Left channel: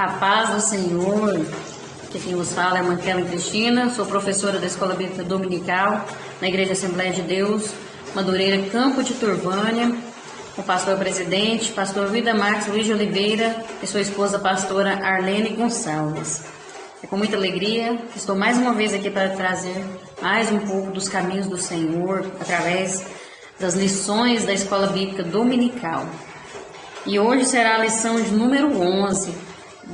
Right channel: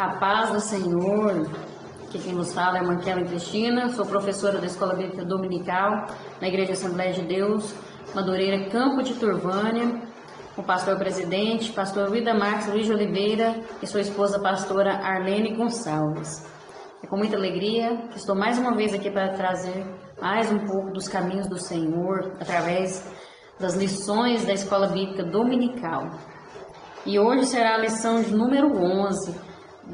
A paz do Senhor. Aqui quem vos fala é Manquela Cristina, sou professora da Escola Bíblica Dominical na Igreja Assembleia de Deus, Madureira, Campo de Turvânia, o pastor presidente, pastor Vida Marques Luiz de Oliveira e sua esposa pastora Arlene Gonçalves. É com muita alegria que estou mais uma vez aqui para trazer mais um pouco dos caminhos do Senhor através das lições da Escola Bíblica Dominical. E hoje será a lição de número 11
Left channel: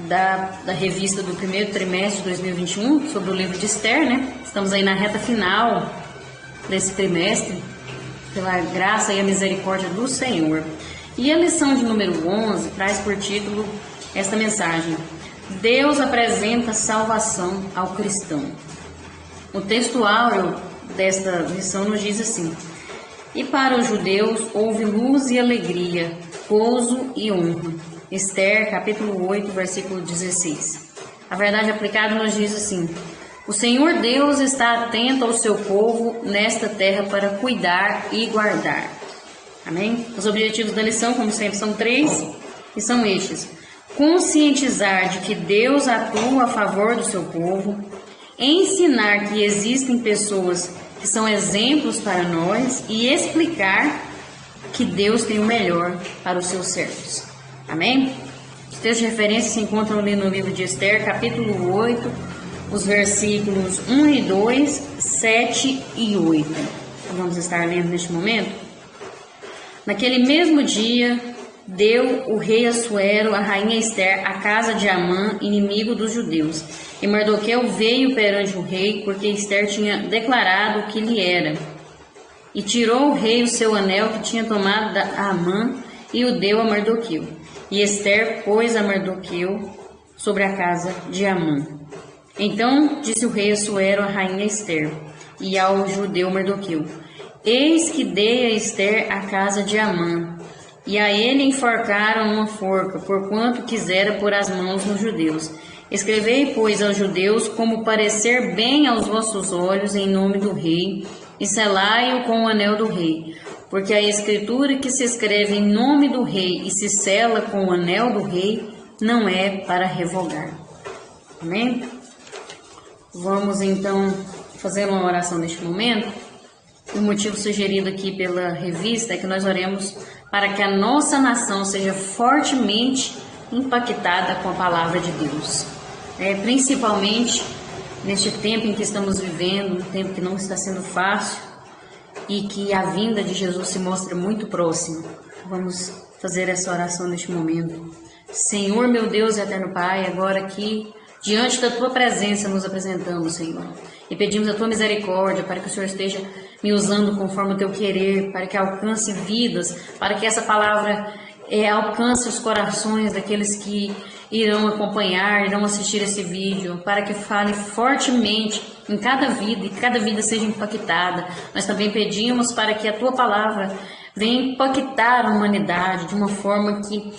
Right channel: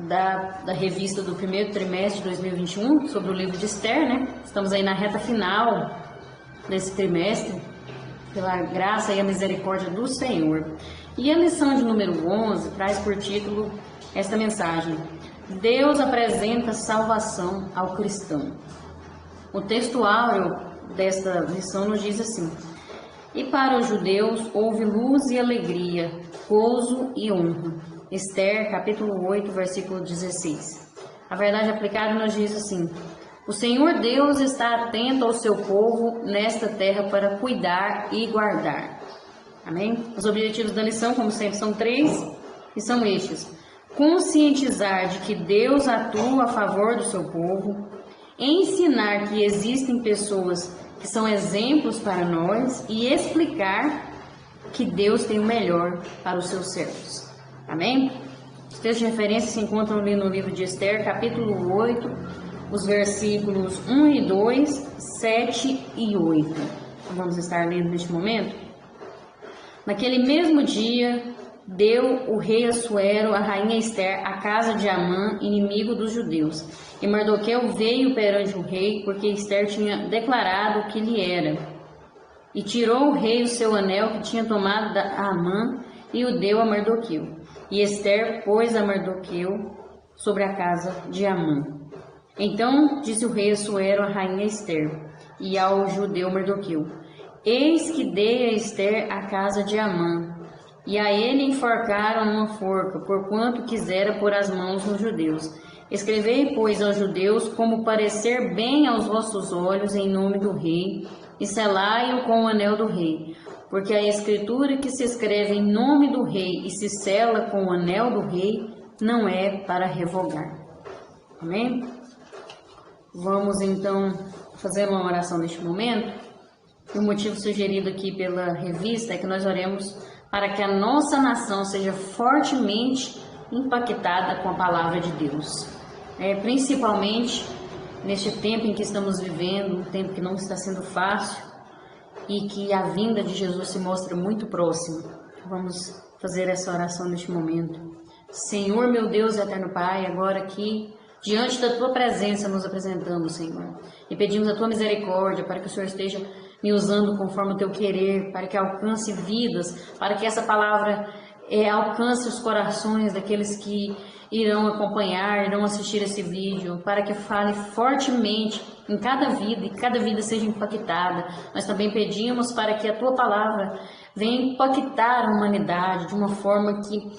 da revista do primeiro trimestre de 2021, sobre o livro de Esther, né? Estamos aí na reta final desse trimestre, pela graça e a misericórdia do Senhor. E a lição de número 11 traz por título esta mensagem: Deus apresenta salvação ao cristão. O texto áureo desta lição nos diz assim: E para os judeus houve luz e alegria, gozo e honra. Esther, capítulo 8, versículo 16. A verdade aplicada nos diz assim: O Senhor Deus está atento ao seu povo nesta terra para cuidar e guardar. Amém? Os objetivos da lição, como sempre, são 3 e são estes: conscientizar de que Deus atua a favor do seu povo, ensinar que existem pessoas que são exemplos para nós e explicar que Deus tem o melhor para os seus servos. Amém? Os textos de referência se encontram ali no livro de Esther, capítulo 8, os versículos 1 e 2, 7 e 8. Então, vamos estar lendo neste momento. Naquele mesmo dia, deu o rei Assuero a rainha Esther à casa de Amã, inimigo dos judeus. E Mardoqueu veio perante o rei, porque Esther tinha declarado o que lhe era. E tirou o rei o seu anel que tinha tomado da Amã e o deu a Mardoqueu. E Esther pôs a Mardoqueu sobre a casa de Amã. Então disse o rei Assuero à rainha Esther e ao judeu Mardoqueu: Eis que dei a Esther a casa de Amã, e a ele enforcaram uma forca, porquanto quisera pôr as mãos nos judeus. Escrevei, pois, aos judeus como parecer bem aos vossos olhos em nome do rei, e selai-o com o anel do rei. Porque a escritura que se escreve em nome do rei e se sela com o anel do rei não é para revogar. Amém? Vamos então fazer uma oração neste momento. O motivo sugerido aqui pela revista é que nós oremos para que a nossa nação seja fortemente impactada com a palavra de Deus. Principalmente neste tempo em que estamos vivendo, um tempo que não está sendo fácil e que a vinda de Jesus se mostra muito próxima. Vamos fazer essa oração neste momento. Senhor, meu Deus e eterno Pai, agora aqui, diante da Tua presença, nos apresentamos, Senhor, e pedimos a Tua misericórdia para que o Senhor esteja me usando conforme o Teu querer, para que alcance vidas, para que essa palavra alcance os corações daqueles que irão acompanhar, irão assistir esse vídeo, para que fale fortemente em cada vida e cada vida seja impactada. Nós também pedimos para que a Tua palavra venha impactar a humanidade de uma forma que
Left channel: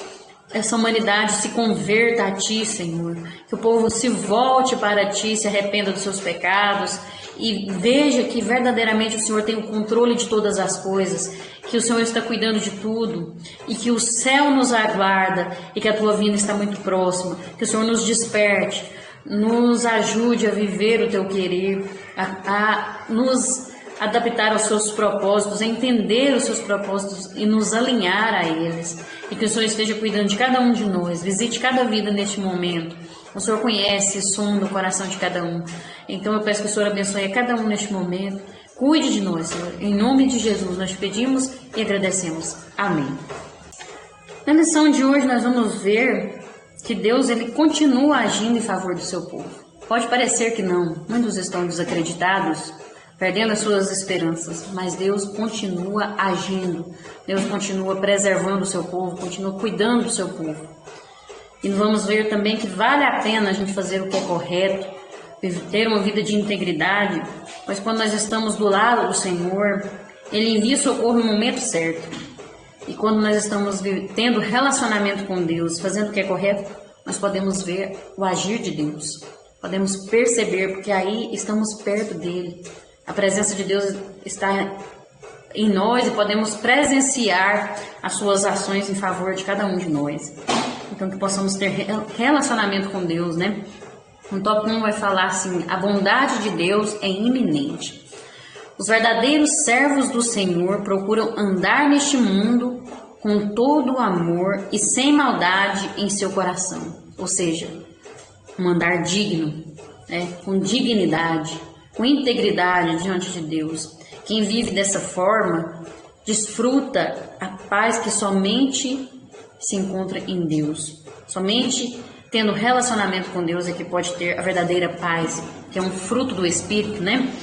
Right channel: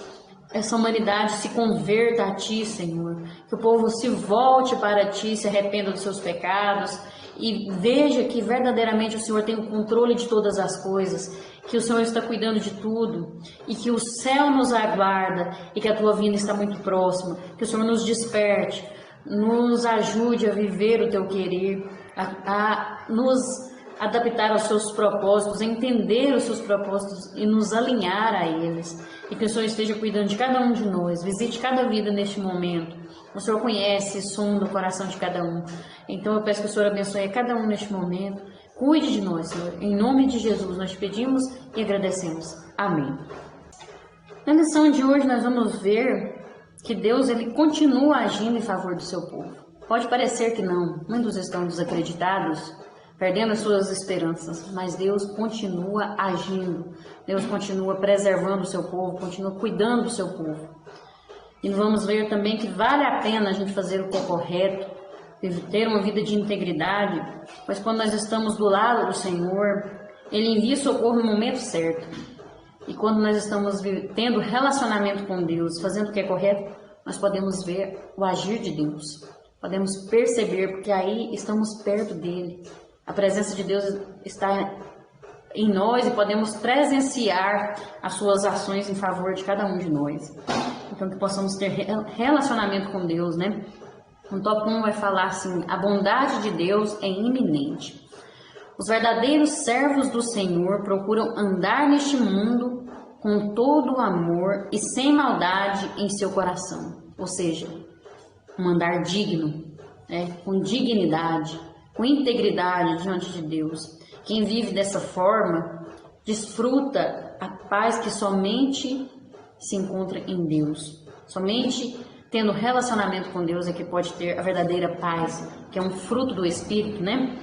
essa humanidade se converta a Ti, Senhor, que o povo se volte para Ti, se arrependa dos seus pecados e veja que verdadeiramente o Senhor tem o controle de todas as coisas, que o Senhor está cuidando de tudo e que o céu nos aguarda e que a Tua vinda está muito próxima, que o Senhor nos desperte, nos ajude a viver o Teu querer, a nos adaptar aos Seus propósitos, a entender os Seus propósitos e nos alinhar a eles, e que o Senhor esteja cuidando de cada um de nós, visite cada vida neste momento. O Senhor conhece e sonda o coração de cada um, então eu peço que o Senhor abençoe a cada um neste momento. Cuide de nós, Senhor. Em nome de Jesus nós pedimos e agradecemos. Amém. Na lição de hoje nós vamos ver que Deus ele continua agindo em favor do seu povo. Pode parecer que não, muitos estão desacreditados, perdendo as suas esperanças, mas Deus continua agindo, Deus continua preservando o seu povo, continua cuidando do seu povo. E vamos ver também que vale a pena a gente fazer o que é correto, ter uma vida de integridade, pois quando nós estamos do lado do Senhor, Ele envia socorro no momento certo. E quando nós estamos tendo relacionamento com Deus, fazendo o que é correto, nós podemos ver o agir de Deus. Podemos perceber, porque aí estamos perto dele. A presença de Deus está em nós e podemos presenciar as suas ações em favor de cada um de nós. Então, que possamos ter relacionamento com Deus, né? No tópico 1 vai falar assim: a bondade de Deus é iminente. Os verdadeiros servos do Senhor procuram andar neste mundo com todo o amor e sem maldade em seu coração. Ou seja, um andar digno, né? Com dignidade, com integridade diante de Deus. Quem vive dessa forma desfruta a paz que somente se encontra em Deus. Somente tendo relacionamento com Deus é que pode ter a verdadeira paz, que é um fruto do Espírito, né?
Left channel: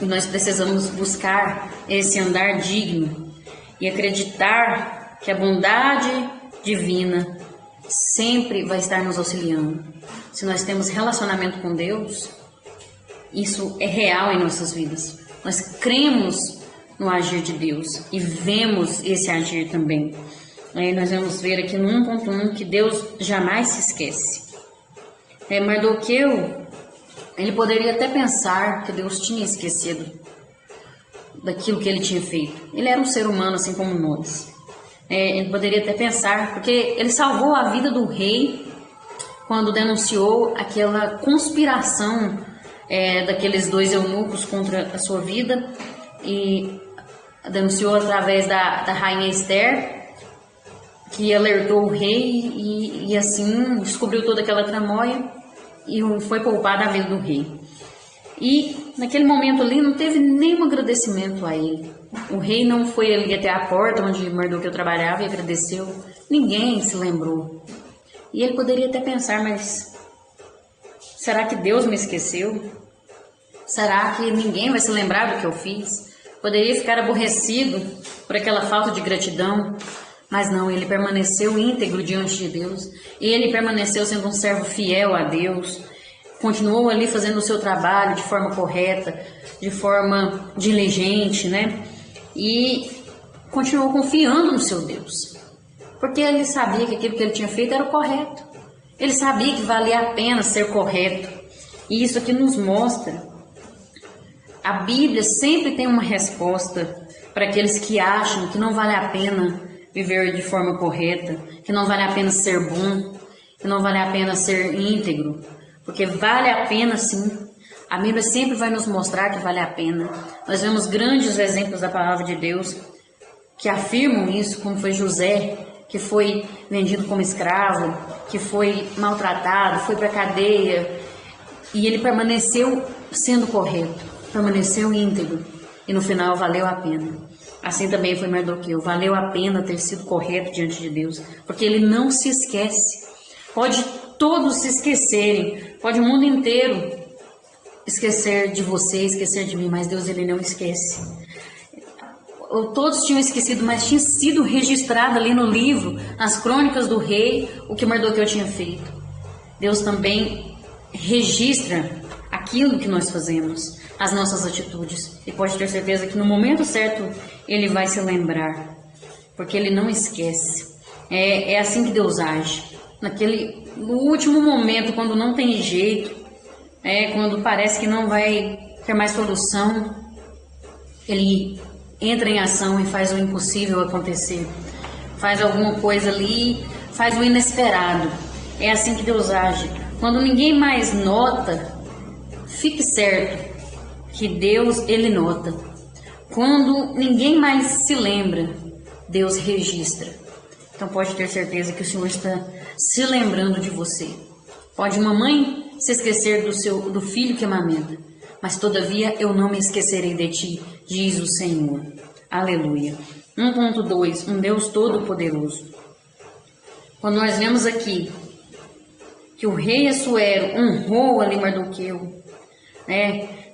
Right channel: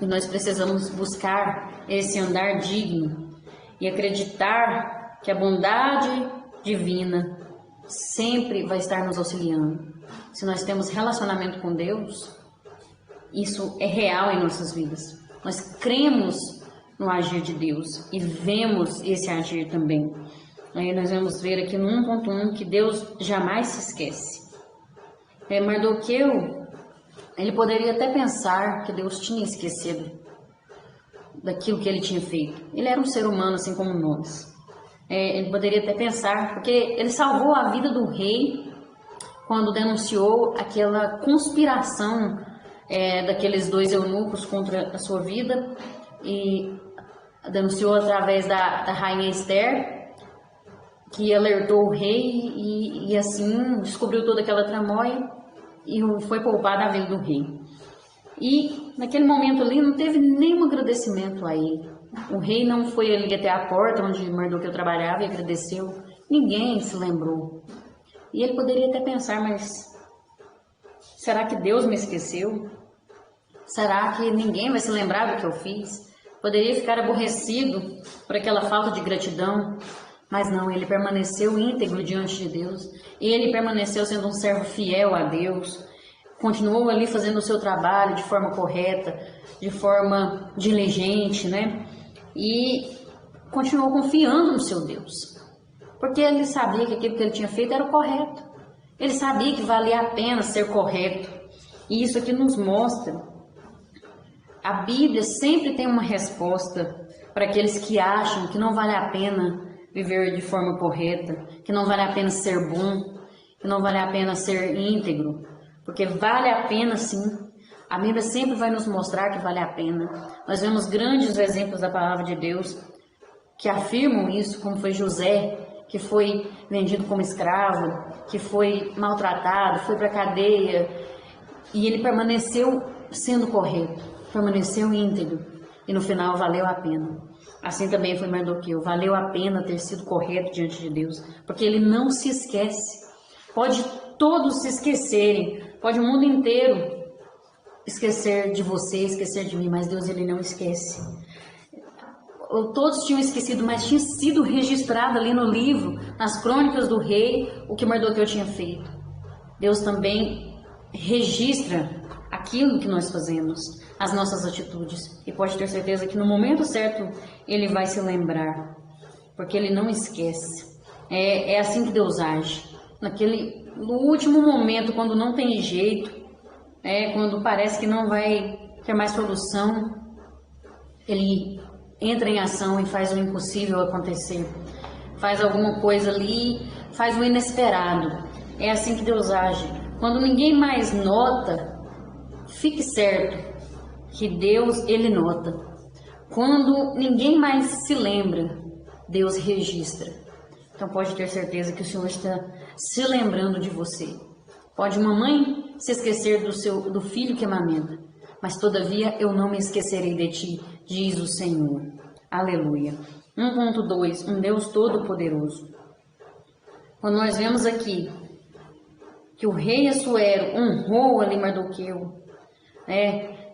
E nós precisamos buscar esse andar digno e acreditar que a bondade divina sempre vai estar nos auxiliando. Se nós temos relacionamento com Deus, isso é real em nossas vidas. Nós cremos no agir de Deus e vemos esse agir também. Aí nós vamos ver aqui no 1.1 que Deus jamais se esquece. Mardoqueu, ele poderia até pensar que Deus tinha esquecido daquilo que ele tinha feito. Ele era um ser humano assim como nós. Ele poderia até pensar, porque ele salvou a vida do rei quando denunciou aquela conspiração daqueles dois eunucos contra a sua vida, e denunciou através da rainha Esther, que alertou o rei e assim descobriu toda aquela tramóia e foi poupada a vida do rei. E naquele momento ali não teve nenhum agradecimento a ele. O rei não foi ali até a porta onde Mardoqueu trabalhava e agradeceu. Ninguém se lembrou. E ele poderia até pensar, mas será que Deus me esqueceu? Será que ninguém vai se lembrar do que eu fiz? Poderia ficar aborrecido por aquela falta de gratidão. Mas não, ele permaneceu íntegro diante de Deus. E ele permaneceu sendo um servo fiel a Deus. Continuou ali fazendo o seu trabalho de forma correta, de forma diligente, né? E continuou confiando no seu Deus. Porque ele sabia que aquilo que ele tinha feito era o correto. Ele sabia que valia a pena ser correto. E isso aqui nos mostra. A Bíblia sempre tem uma resposta para aqueles que acham que não vale a pena viver de forma correta, que não vale a pena ser bom, que não vale a pena ser íntegro, porque vale a pena sim. A Bíblia sempre vai nos mostrar que vale a pena. Nós vemos grandes exemplos da palavra de Deus que afirmam isso, como foi José, que foi vendido como escravo, que foi maltratado, foi para a cadeia, e ele permaneceu sendo correto, permaneceu íntegro, e no final valeu a pena. Assim também foi Mardoqueu, valeu a pena ter sido correto diante de Deus, porque ele não se esquece. Pode todos se esquecerem, pode o mundo inteiro esquecer de você, esquecer de mim, mas Deus ele não esquece. Todos tinham esquecido, mas tinha sido registrado ali no livro, nas crônicas do rei, o que Mardoqueu tinha feito. Deus também registra aquilo que nós fazemos, as nossas atitudes, e pode ter certeza que no momento certo ele vai se lembrar, porque ele não esquece. É assim que Deus age. No último momento, quando não tem jeito, quando parece que não vai ter mais solução, ele entra em ação e faz o impossível acontecer. Faz alguma coisa ali, faz o inesperado. É assim que Deus age. Quando ninguém mais nota, fique certo que Deus, ele nota. Quando ninguém mais se lembra, Deus registra. Então pode ter certeza que o Senhor está se lembrando de você. Pode uma mãe se esquecer do filho que amamenta, mas todavia eu não me esquecerei de ti, diz o Senhor. Aleluia. 1.2, um Deus todo-poderoso. Quando nós vemos aqui que o rei Assuero honrou ali Mardoqueu,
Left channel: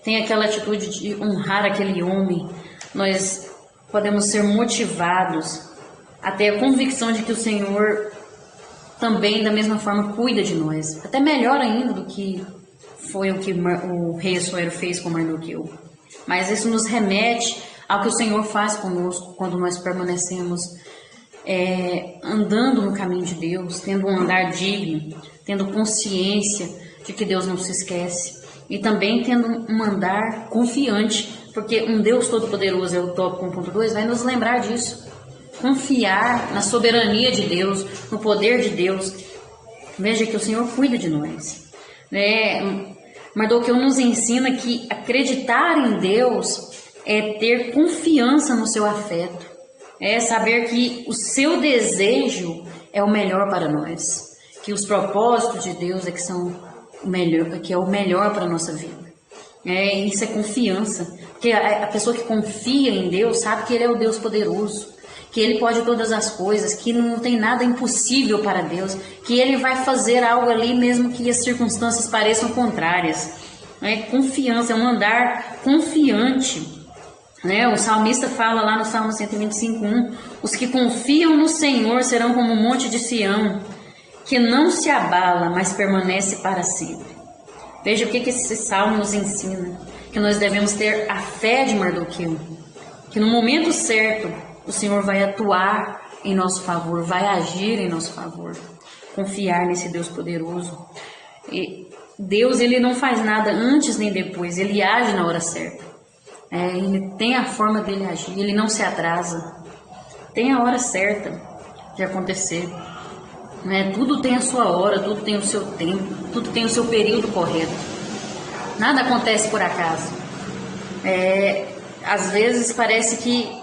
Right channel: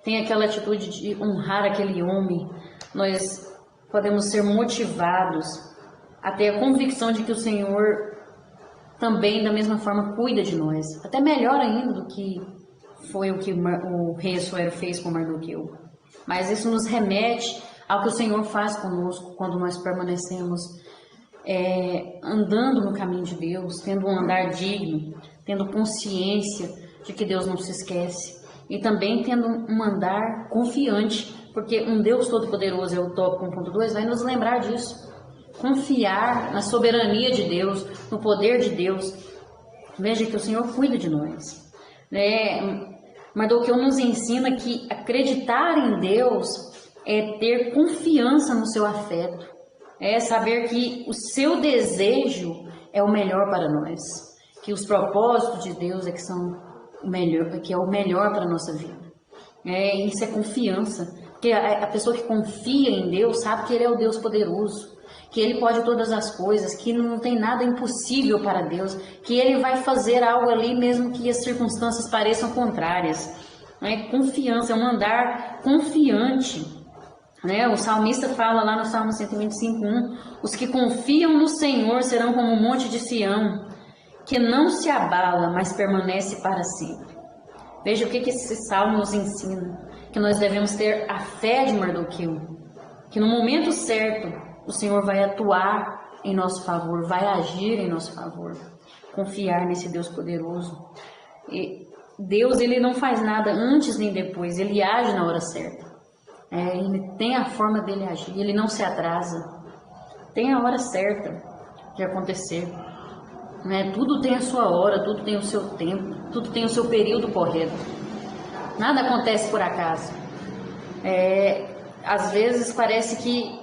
tem aquela atitude de honrar aquele homem, nós podemos ser motivados a ter a convicção de que o Senhor também, da mesma forma, cuida de nós. Até melhor ainda do que foi o que o rei Assuero fez com Mardoqueu. Mas isso nos remete ao que o Senhor faz conosco quando nós permanecemos andando no caminho de Deus, tendo um andar digno, tendo consciência de que Deus não se esquece, e também tendo um andar confiante porque um Deus Todo-Poderoso é o tópico 1.2, vai nos lembrar disso. Confiar na soberania de Deus, no poder de Deus. Veja que o Senhor cuida de nós, né? Mardoqueu nos ensina que acreditar em Deus é ter confiança no seu afeto, é saber que o seu desejo é o melhor para nós, que os propósitos de Deus é que são o melhor, que é o melhor para a nossa vida. Isso é confiança, porque a pessoa que confia em Deus sabe que Ele é o Deus poderoso, que Ele pode todas as coisas, que não tem nada impossível para Deus, que Ele vai fazer algo ali mesmo que as circunstâncias pareçam contrárias. Confiança, é um andar confiante. O salmista fala lá no Salmo 125:1, os que confiam no Senhor serão como um monte de Sião, que não se abala, mas permanece para sempre. Veja o que esse salmo nos ensina, que nós devemos ter a fé de Mardoqueu, que no momento certo o Senhor vai atuar em nosso favor, vai agir em nosso favor. Confiar nesse Deus poderoso. E Deus, Ele não faz nada antes nem depois, Ele age na hora certa. Ele tem a forma dele agir, Ele não se atrasa. Tem a hora certa de acontecer. Tudo tem a sua hora, tudo tem o seu tempo, tudo tem o seu período correto. Nada acontece por acaso. Às vezes parece que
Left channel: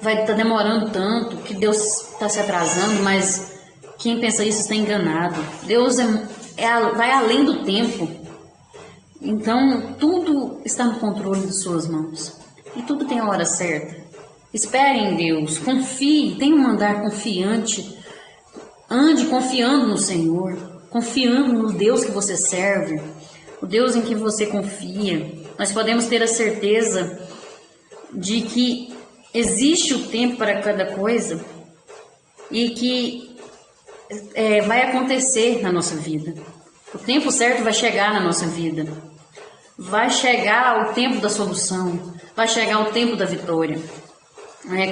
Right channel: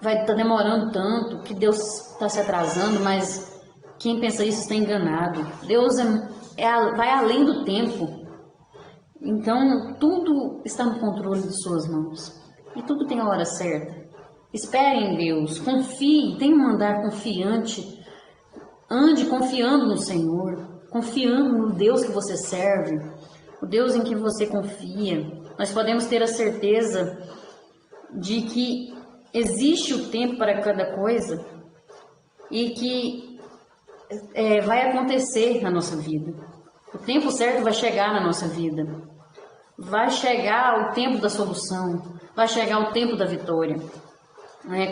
vai estar demorando tanto, que Deus está se atrasando, mas quem pensa isso está enganado. Deus vai além do tempo. Então, tudo está no controle de suas mãos. E tudo tem a hora certa. Espere em Deus, confie, tenha um andar confiante. Ande confiando no Senhor, confiando no Deus que você serve, o Deus em que você confia. Nós podemos ter a certeza de que existe o tempo para cada coisa e que vai acontecer na nossa vida. O tempo certo vai chegar na nossa vida. Vai chegar o tempo da solução, vai chegar o tempo da vitória.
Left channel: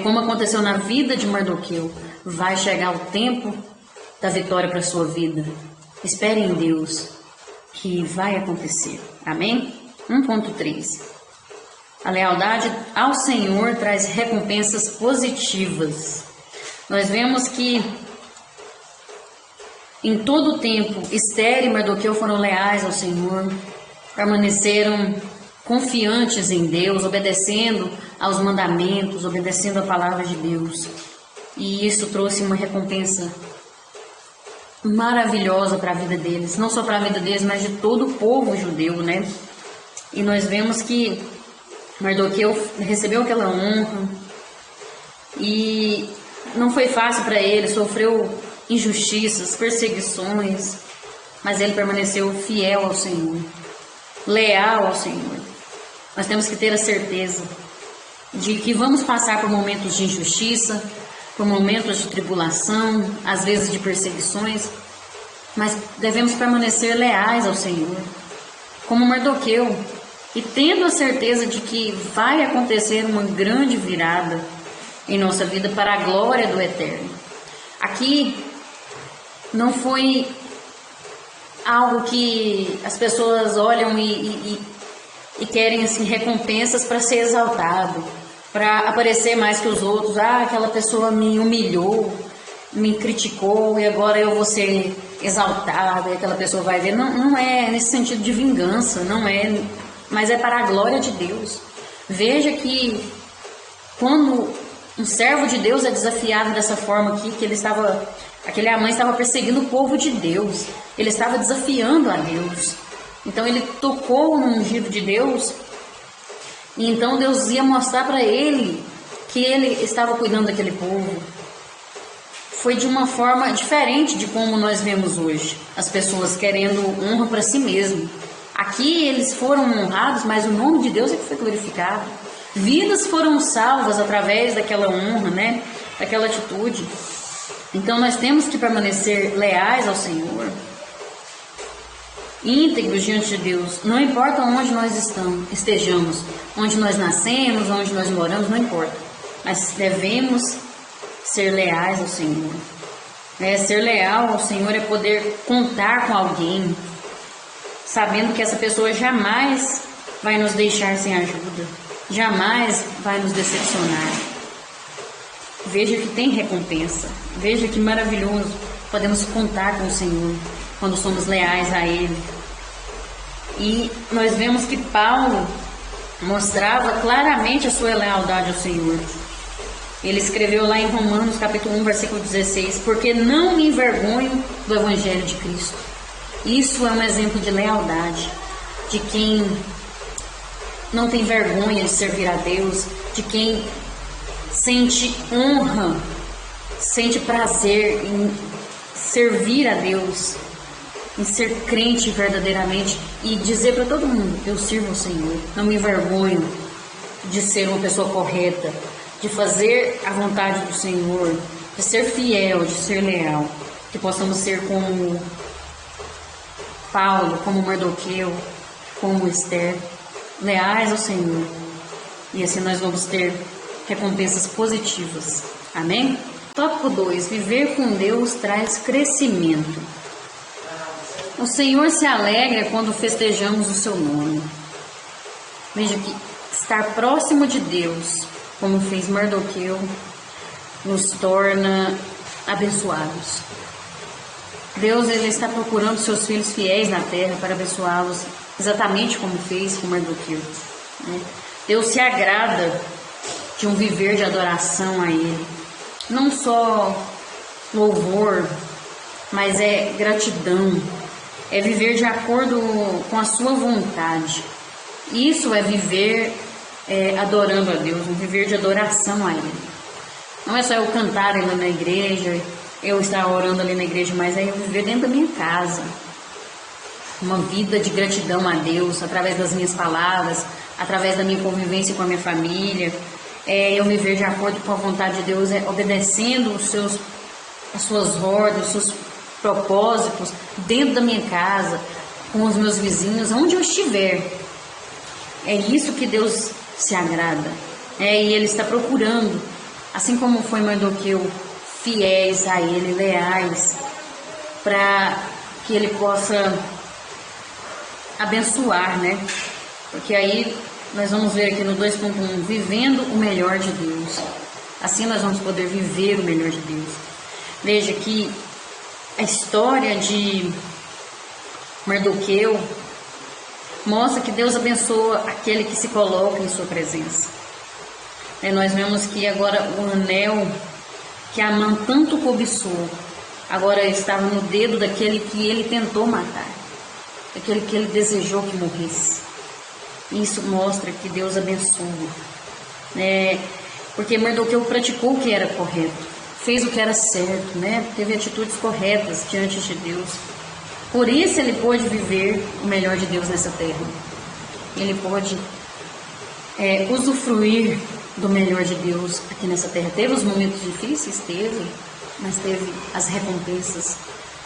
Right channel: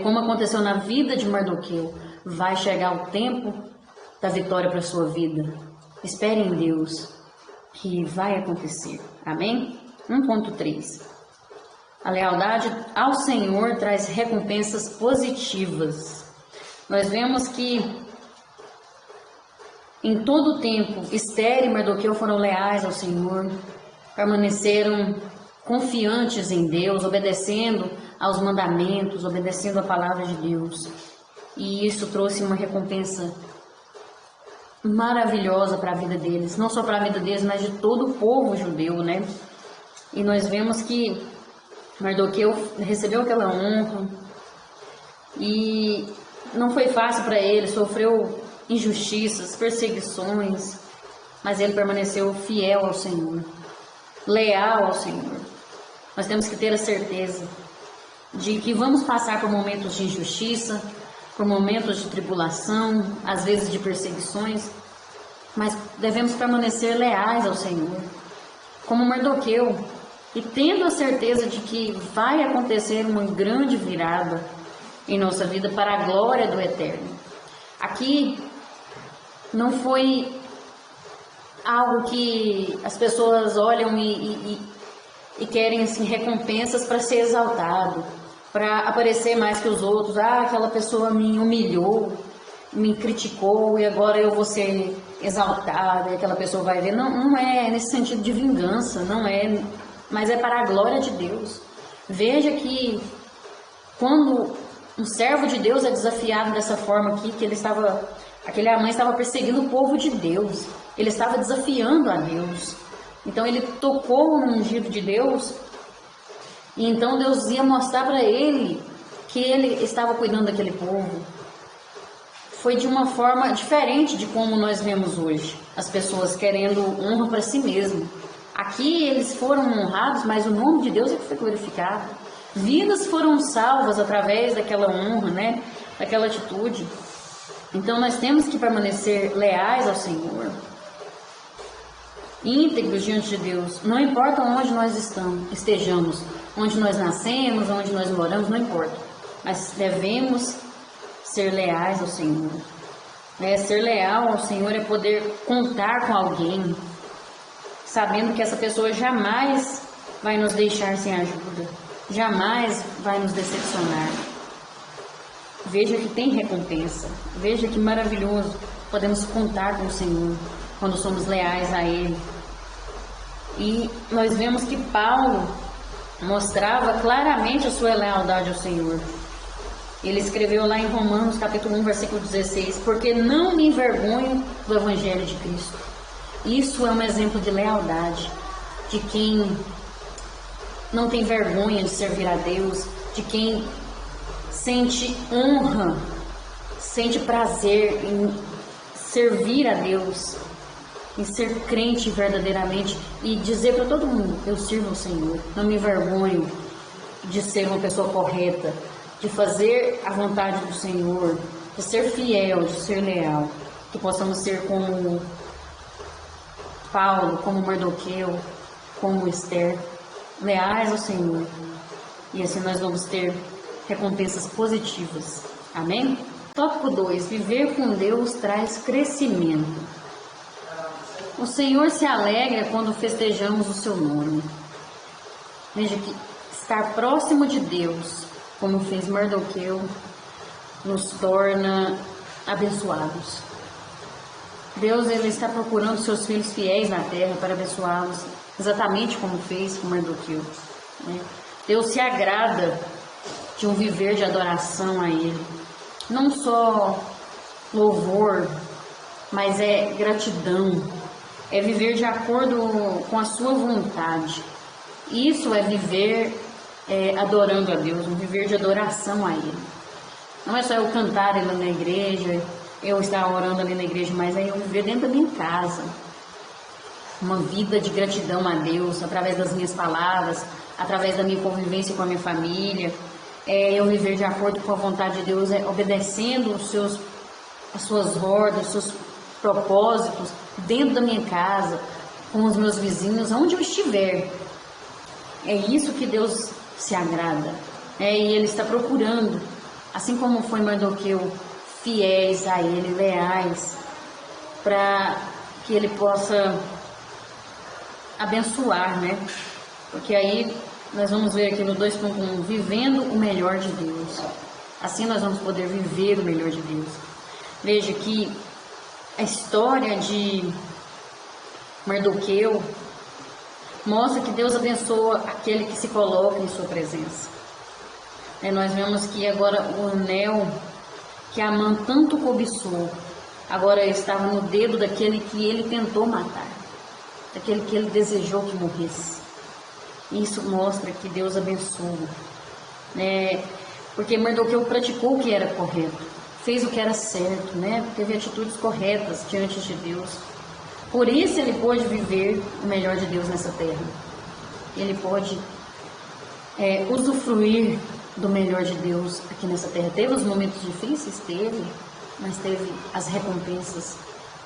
Como aconteceu na vida de Mardoqueu, vai chegar o tempo da vitória para a sua vida. Espere em Deus, que vai acontecer. Amém? 1.3. A lealdade ao Senhor traz recompensas positivas. Nós vemos que em todo o tempo, Esther e Mardoqueu foram leais ao Senhor, permaneceram confiantes em Deus, obedecendo aos mandamentos, obedecendo a palavra de Deus. E isso trouxe uma recompensa maravilhosa para a vida deles, não só para a vida deles, mas de todo o povo judeu, né? E nós vemos que Mardoqueu recebeu aquela honra e não foi fácil para ele, sofreu injustiças, perseguições, mas ele permaneceu fiel ao Senhor, leal ao Senhor. Nós temos que ter a certeza de que vamos passar por momentos de injustiça, por momentos de tribulação, às vezes de perseguições, mas devemos permanecer leais ao Senhor, como Mardoqueu, e tendo a certeza de que vai acontecer uma grande virada em nossa vida para a glória do Eterno. Aqui não foi algo que as pessoas olham e querem assim recompensas para ser exaltado, para aparecer mais que os outros. Aquela pessoa me humilhou, me criticou e agora eu vou ser exaltada e aquela pessoa vai ver. Não é nesse sentido de vingança, não é, mas é para a glória de Deus. Veja que quando um servo de Deus é desafiado dessa forma aqui, que aquele Amã estava perseguindo o povo de Deus, ele estava desafiando a Deus. Então ele tocou no ungido de Deus, e então Deus ia mostrar para ele que ele estava cuidando daquele povo. Foi de uma forma diferente de como nós vemos hoje, as pessoas querendo honra para si mesmo. Aqui eles foram honrados, mas o nome de Deus é que foi glorificado. Vidas foram salvas através daquela honra, né? Daquela atitude. Então nós temos que permanecer leais ao Senhor, íntegros diante de Deus, não importa onde nós estejamos, onde nós nascemos, onde nós moramos, não importa, mas devemos ser leais ao Senhor. Ser leal ao Senhor é poder contar com alguém, sabendo que essa pessoa jamais vai nos deixar sem ajuda, jamais vai nos decepcionar. Veja que tem recompensa, veja que maravilhoso, podemos contar com o Senhor quando somos leais a Ele. E nós vemos que Paulo mostrava claramente a sua lealdade ao Senhor. Ele escreveu lá em Romanos capítulo 1, versículo 16, porque não me envergonho do Evangelho de Cristo. Isso é um exemplo de lealdade, de quem não tem vergonha de servir a Deus, de quem sente honra, sente prazer em servir a Deus, em ser crente verdadeiramente e dizer para todo mundo que eu sirvo ao Senhor. Não me envergonho de ser uma pessoa correta, de fazer a vontade do Senhor, de ser fiel, de ser leal. Que possamos ser como Paulo, como Mardoqueu, como Esther, leais ao Senhor. E assim nós vamos ter recompensas positivas. Amém? Tópico 2. Viver com Deus traz crescimento. O Senhor se alegra quando festejamos o seu nome. Veja que estar próximo de Deus, como fez Mardoqueu, nos torna abençoados. Deus, ele está procurando seus filhos fiéis na terra para abençoá-los, exatamente como fez com Mardoqueu. Deus se agrada de um viver de adoração a Ele. Não só louvor, mas é gratidão. É viver de acordo com a sua vontade. Isso é viver adorando a Deus, um viver de adoração a Ele. Não é só eu cantar ali na igreja, eu estar orando ali na igreja, mas é eu viver dentro da minha casa. Uma vida de gratidão a Deus, através das minhas palavras, através da minha convivência com a minha família. Eu viver de acordo com a vontade de Deus, obedecendo as suas ordens, os seus propósitos, dentro da minha casa, com os meus vizinhos, onde eu estiver. É isso que Deus se agrada. E Ele está procurando, assim como foi Mardoqueu, fiéis a Ele, leais, para que Ele possa abençoar, né? Porque aí nós vamos ver aqui no 2.1, vivendo o melhor de Deus. Assim nós vamos poder viver o melhor de Deus. Veja que a história de Mardoqueu mostra que Deus abençoa aquele que se coloca em sua presença. Nós vemos que agora o anel que Amã tanto cobiçou, agora estava no dedo daquele que ele tentou matar, daquele que ele desejou que morresse. Isso mostra que Deus abençoa, porque Mardoqueu praticou o que era correto, fez o que era certo, teve atitudes corretas diante de Deus. Por isso ele pôde viver o melhor de Deus nessa terra. Ele pôde usufruir do melhor de Deus aqui nessa terra. Teve os momentos difíceis? Teve, mas teve as recompensas,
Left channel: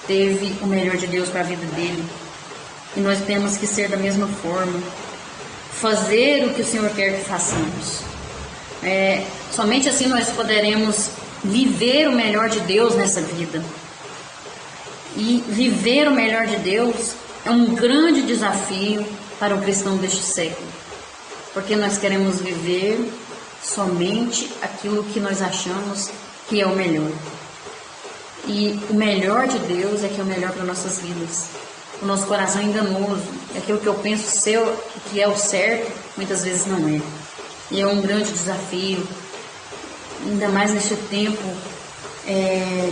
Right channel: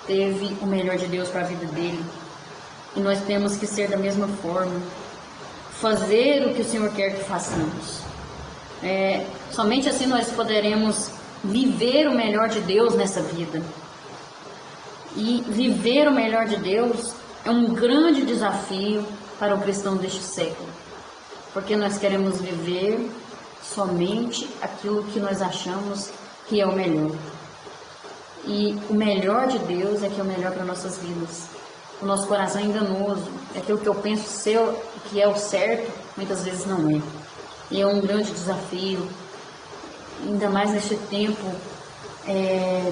teve o melhor de Deus para a vida dele. E nós temos que ser da mesma forma, fazer o que o Senhor quer que façamos. Somente assim nós poderemos viver o melhor de Deus nessa vida. E viver o melhor de Deus é um grande desafio para o cristão deste século, porque nós queremos viver somente aquilo que nós achamos que é o melhor. E o melhor de Deus é que é o melhor para nossas vidas. O nosso coração é enganoso, é aquilo que eu penso ser que é o certo, muitas vezes não é. E é um grande desafio, ainda mais neste tempo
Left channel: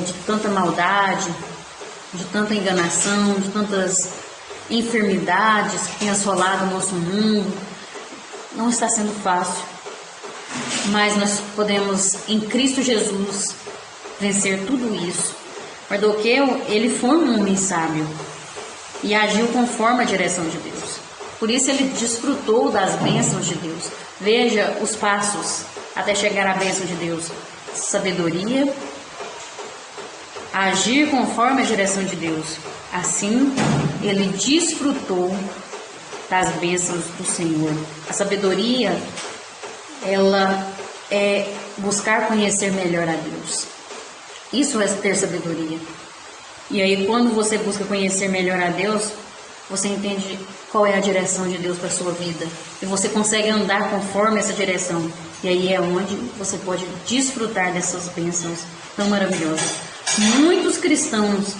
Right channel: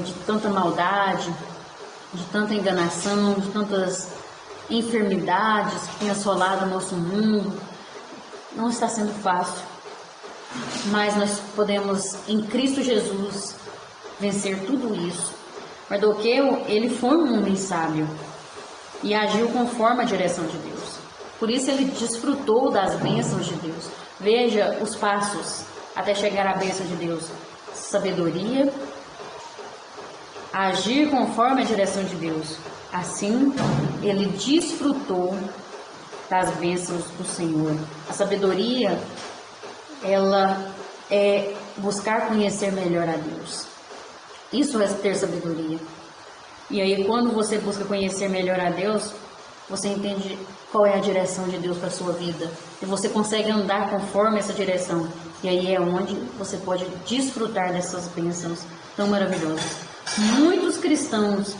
de tanta maldade, de tanta enganação, de tantas enfermidades que têm assolado o nosso mundo. Não está sendo fácil, mas nós podemos, em Cristo Jesus, vencer tudo isso. Mardoqueu, ele foi um homem sábio e agiu conforme a direção de Deus. Por isso ele desfrutou das bênçãos de Deus. Veja os passos até chegar à bênção de Deus: sabedoria, agir conforme a direção de Deus. Assim, ele desfrutou das bênçãos do Senhor. A sabedoria, ela é buscar conhecer melhor a Deus. Isso é ter sabedoria. E aí, quando você busca conhecer melhor a Deus, você entende qual é a direção de Deus para a sua vida. E você consegue andar conforme essa direção. E aí é onde você pode desfrutar dessas bênçãos tão maravilhosas. Muitos cristãos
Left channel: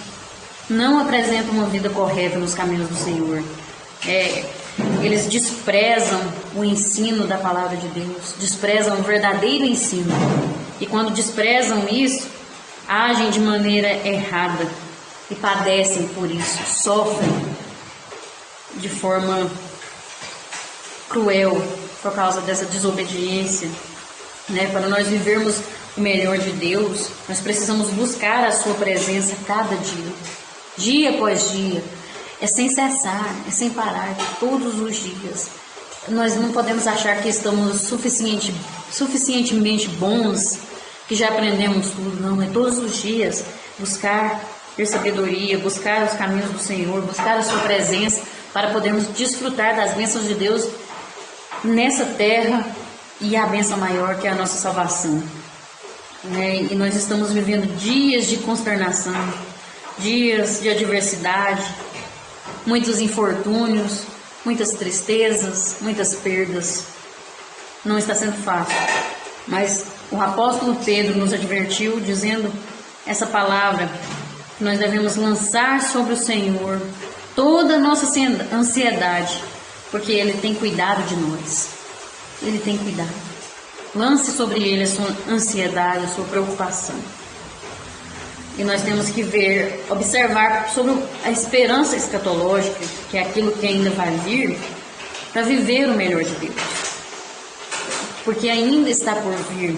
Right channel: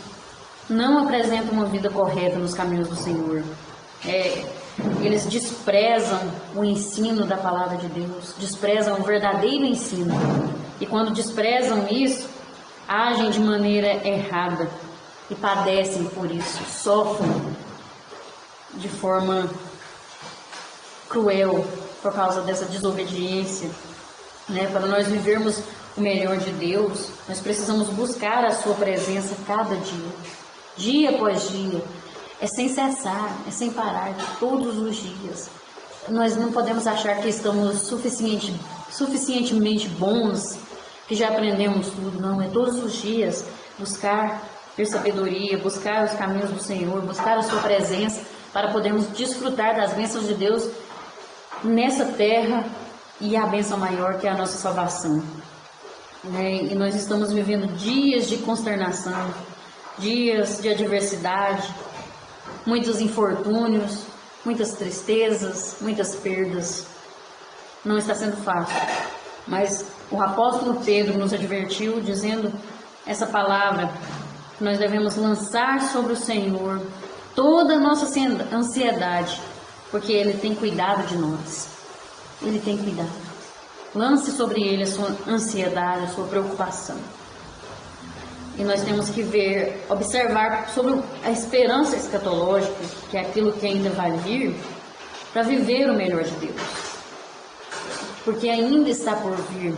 não apresentam uma vida correta nos caminhos do Senhor. Eles desprezam o ensino da palavra de Deus, desprezam o verdadeiro ensino. E quando desprezam isso, agem de maneira errada e padecem por isso, sofrem de forma cruel por causa dessa desobediência. Para nós vivermos o melhor de Deus, nós precisamos buscar a sua presença cada dia, dia após dia. É sem cessar, é sem parar, todos os dias. Nós não podemos achar que estamos suficientemente bons, que já aprendemos tudo. Não, é todos os dias buscar ter sabedoria, buscar os caminhos do Senhor, buscar a sua presença, para podermos desfrutar das bênçãos de Deus nessa terra e a bênção maior que é a nossa salvação. E nós estamos vivendo dias de consternação, dias de adversidade, muitos infortúnios, muitas tristezas, muitas perdas. Não está sendo fácil, mas o apóstolo Pedro nos advertiu dizendo essa palavra, que nós devemos lançar sobre o Senhor toda a nossa ansiedade, porque Ele tem cuidado de nós. Ele tem cuidado. Lance sobre Ele a sua ansiedade, a sua preocupação. E nós temos que observar sobre a esperança escatológica, que é aquilo que ainda vai vir, para viver o melhor de Deus. Porque ainda está por vir.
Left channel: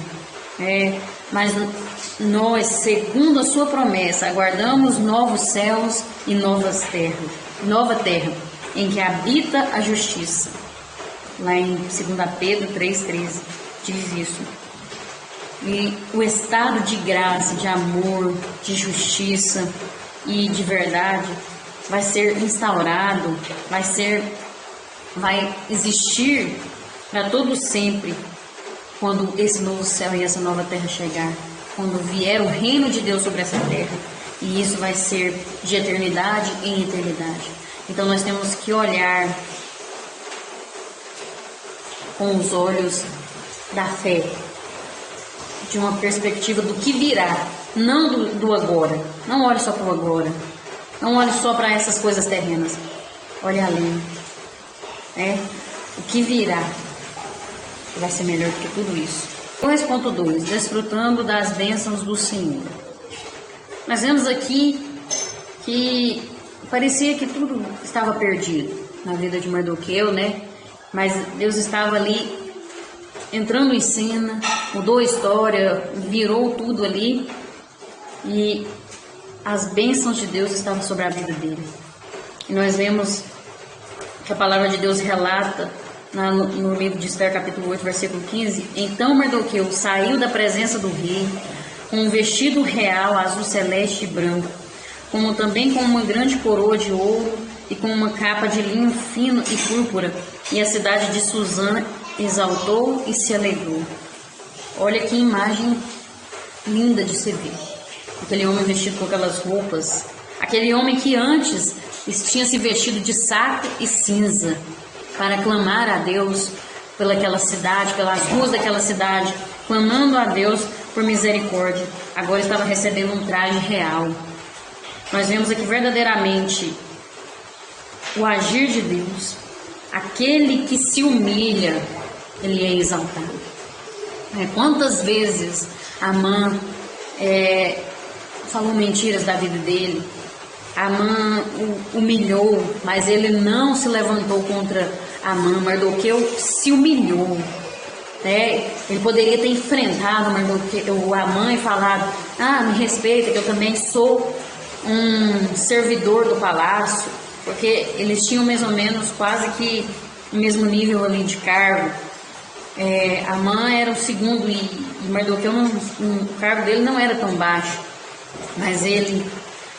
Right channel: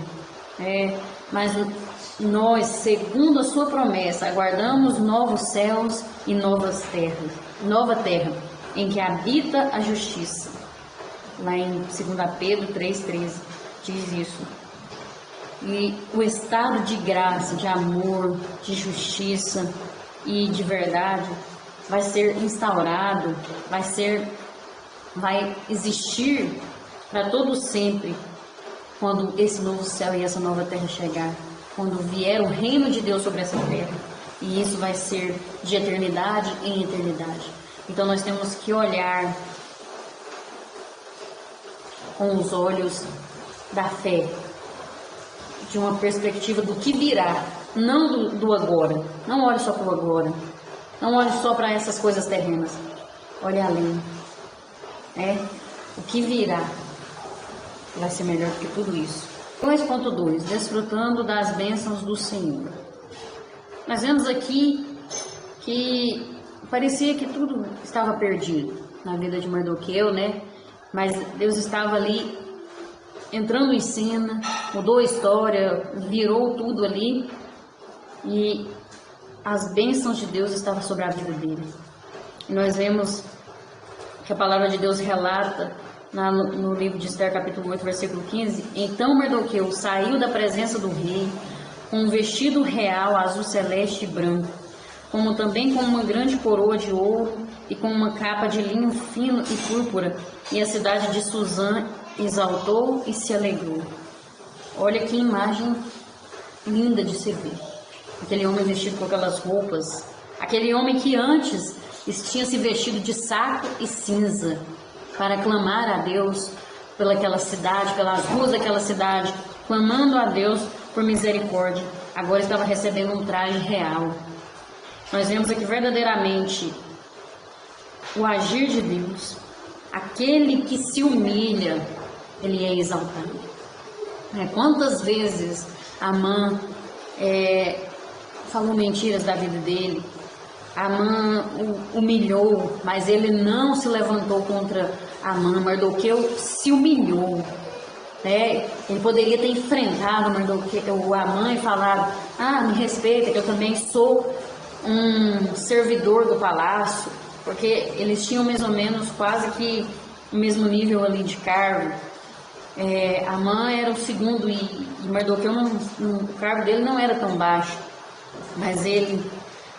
Mas nós, segundo a sua promessa, aguardamos novos céus e nova terra, em que habita a justiça. Lá em 2 Pedro 3,13 diz isso. E o estado de graça, de amor, de justiça e de verdade vai ser instaurado, vai existir para todo sempre, quando esse novo céu e essa nova terra chegar, quando vier o reino de Deus sobre essa terra. E isso vai ser de eternidade em eternidade. Então nós temos que olhar com os olhos da fé, de uma perspectiva do que virá, não do agora. Não olhe só para o agora, não olhe só para essas coisas terrenas, olhe além. O que virá vai ser melhor do que tudo isso. 2.2, desfrutando das bênçãos do Senhor. Nós vemos aqui que parecia que tudo estava perdido na vida de Mardoqueu, mas Deus estava ali entrando em cena, mudou a história, virou tudo ali, e as bênçãos de Deus estavam sobre a vida dele. E nós vemos que a palavra de Deus relata no livro de Esther, capítulo 8, versículo 15: Então Mardoqueu saiu da presença do rei com um vestido real azul celeste e branco, como também com uma grande coroa de ouro e com uma capa de linho fino e púrpura, e a cidade de Suzã exaltou e se alegrou. Olha que imagem linda de se ver. Aquele homem vestido com aquelas roupas, aquele homem que antes tinha se vestido de saco e cinza para clamar a Deus pelaquela cidade, pelas ruas daquela cidade, clamando a Deus por misericórdia, agora estava recebendo um traje real. Nós vemos aqui verdadeiramente o agir de Deus. Aquele que se humilha, ele é exaltado. Quantas vezes Amã falou mentiras da vida dele, Amã o humilhou, mas ele não se levantou contra Amã. Mardoqueu se humilhou. Ele poderia ter enfrentado o Amã e falado: me respeita, que eu também sou um servidor do palácio, porque eles tinham mais ou menos quase que o mesmo nível ali de cargo. Amã era o segundo e Mardoqueu, o cargo dele não era tão baixo, mas ele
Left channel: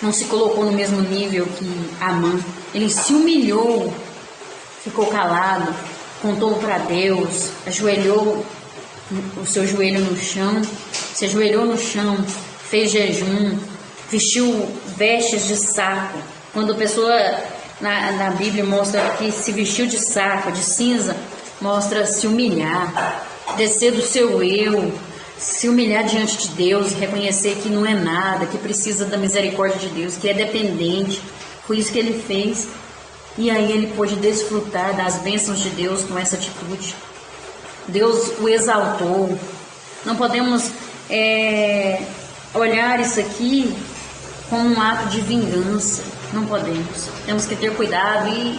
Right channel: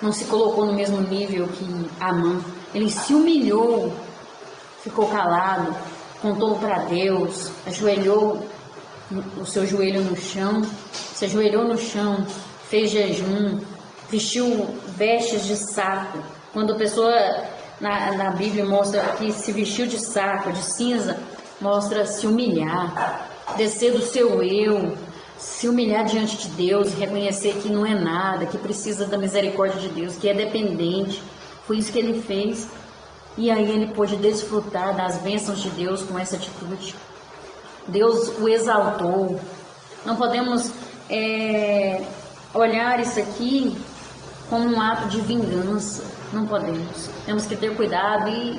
não se colocou no mesmo nível que Amã. Ele se humilhou, ficou calado, contou para Deus, ajoelhou o seu joelho no chão, se ajoelhou no chão, fez jejum, vestiu vestes de saco. Quando a pessoa na Bíblia mostra que se vestiu de saco, de cinza, mostra se humilhar, descer do seu eu, se humilhar diante de Deus, reconhecer que não é nada, que precisa da misericórdia de Deus, que é dependente. Foi isso que ele fez. E aí ele pôde desfrutar das bênçãos de Deus com essa atitude. Deus o exaltou. Não podemos olhar isso aqui como um ato de vingança. Não podemos. Temos que ter cuidado e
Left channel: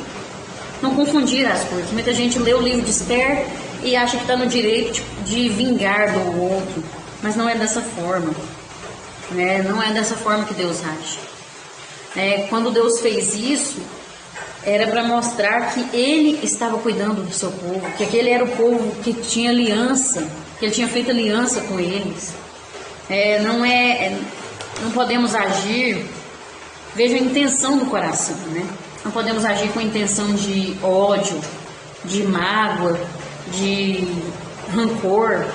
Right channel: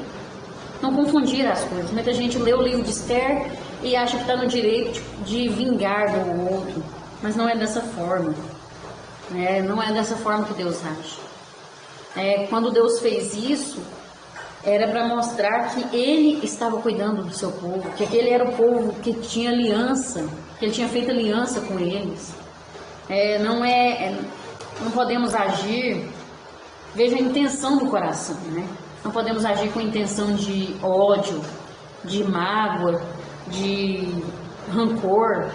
não confundir as coisas. Muita gente lê o livro de Esther e acha que está no direito de vingar do outro. Mas não é dessa forma. Não é dessa forma que Deus age. Quando Deus fez isso, era para mostrar que Ele estava cuidando do seu povo, que aquele era o povo que tinha aliança, que Ele tinha feito aliança com eles. Não podemos agir, veja a intenção do coração, Não podemos agir com intenção de ódio, de mágoa, de rancor.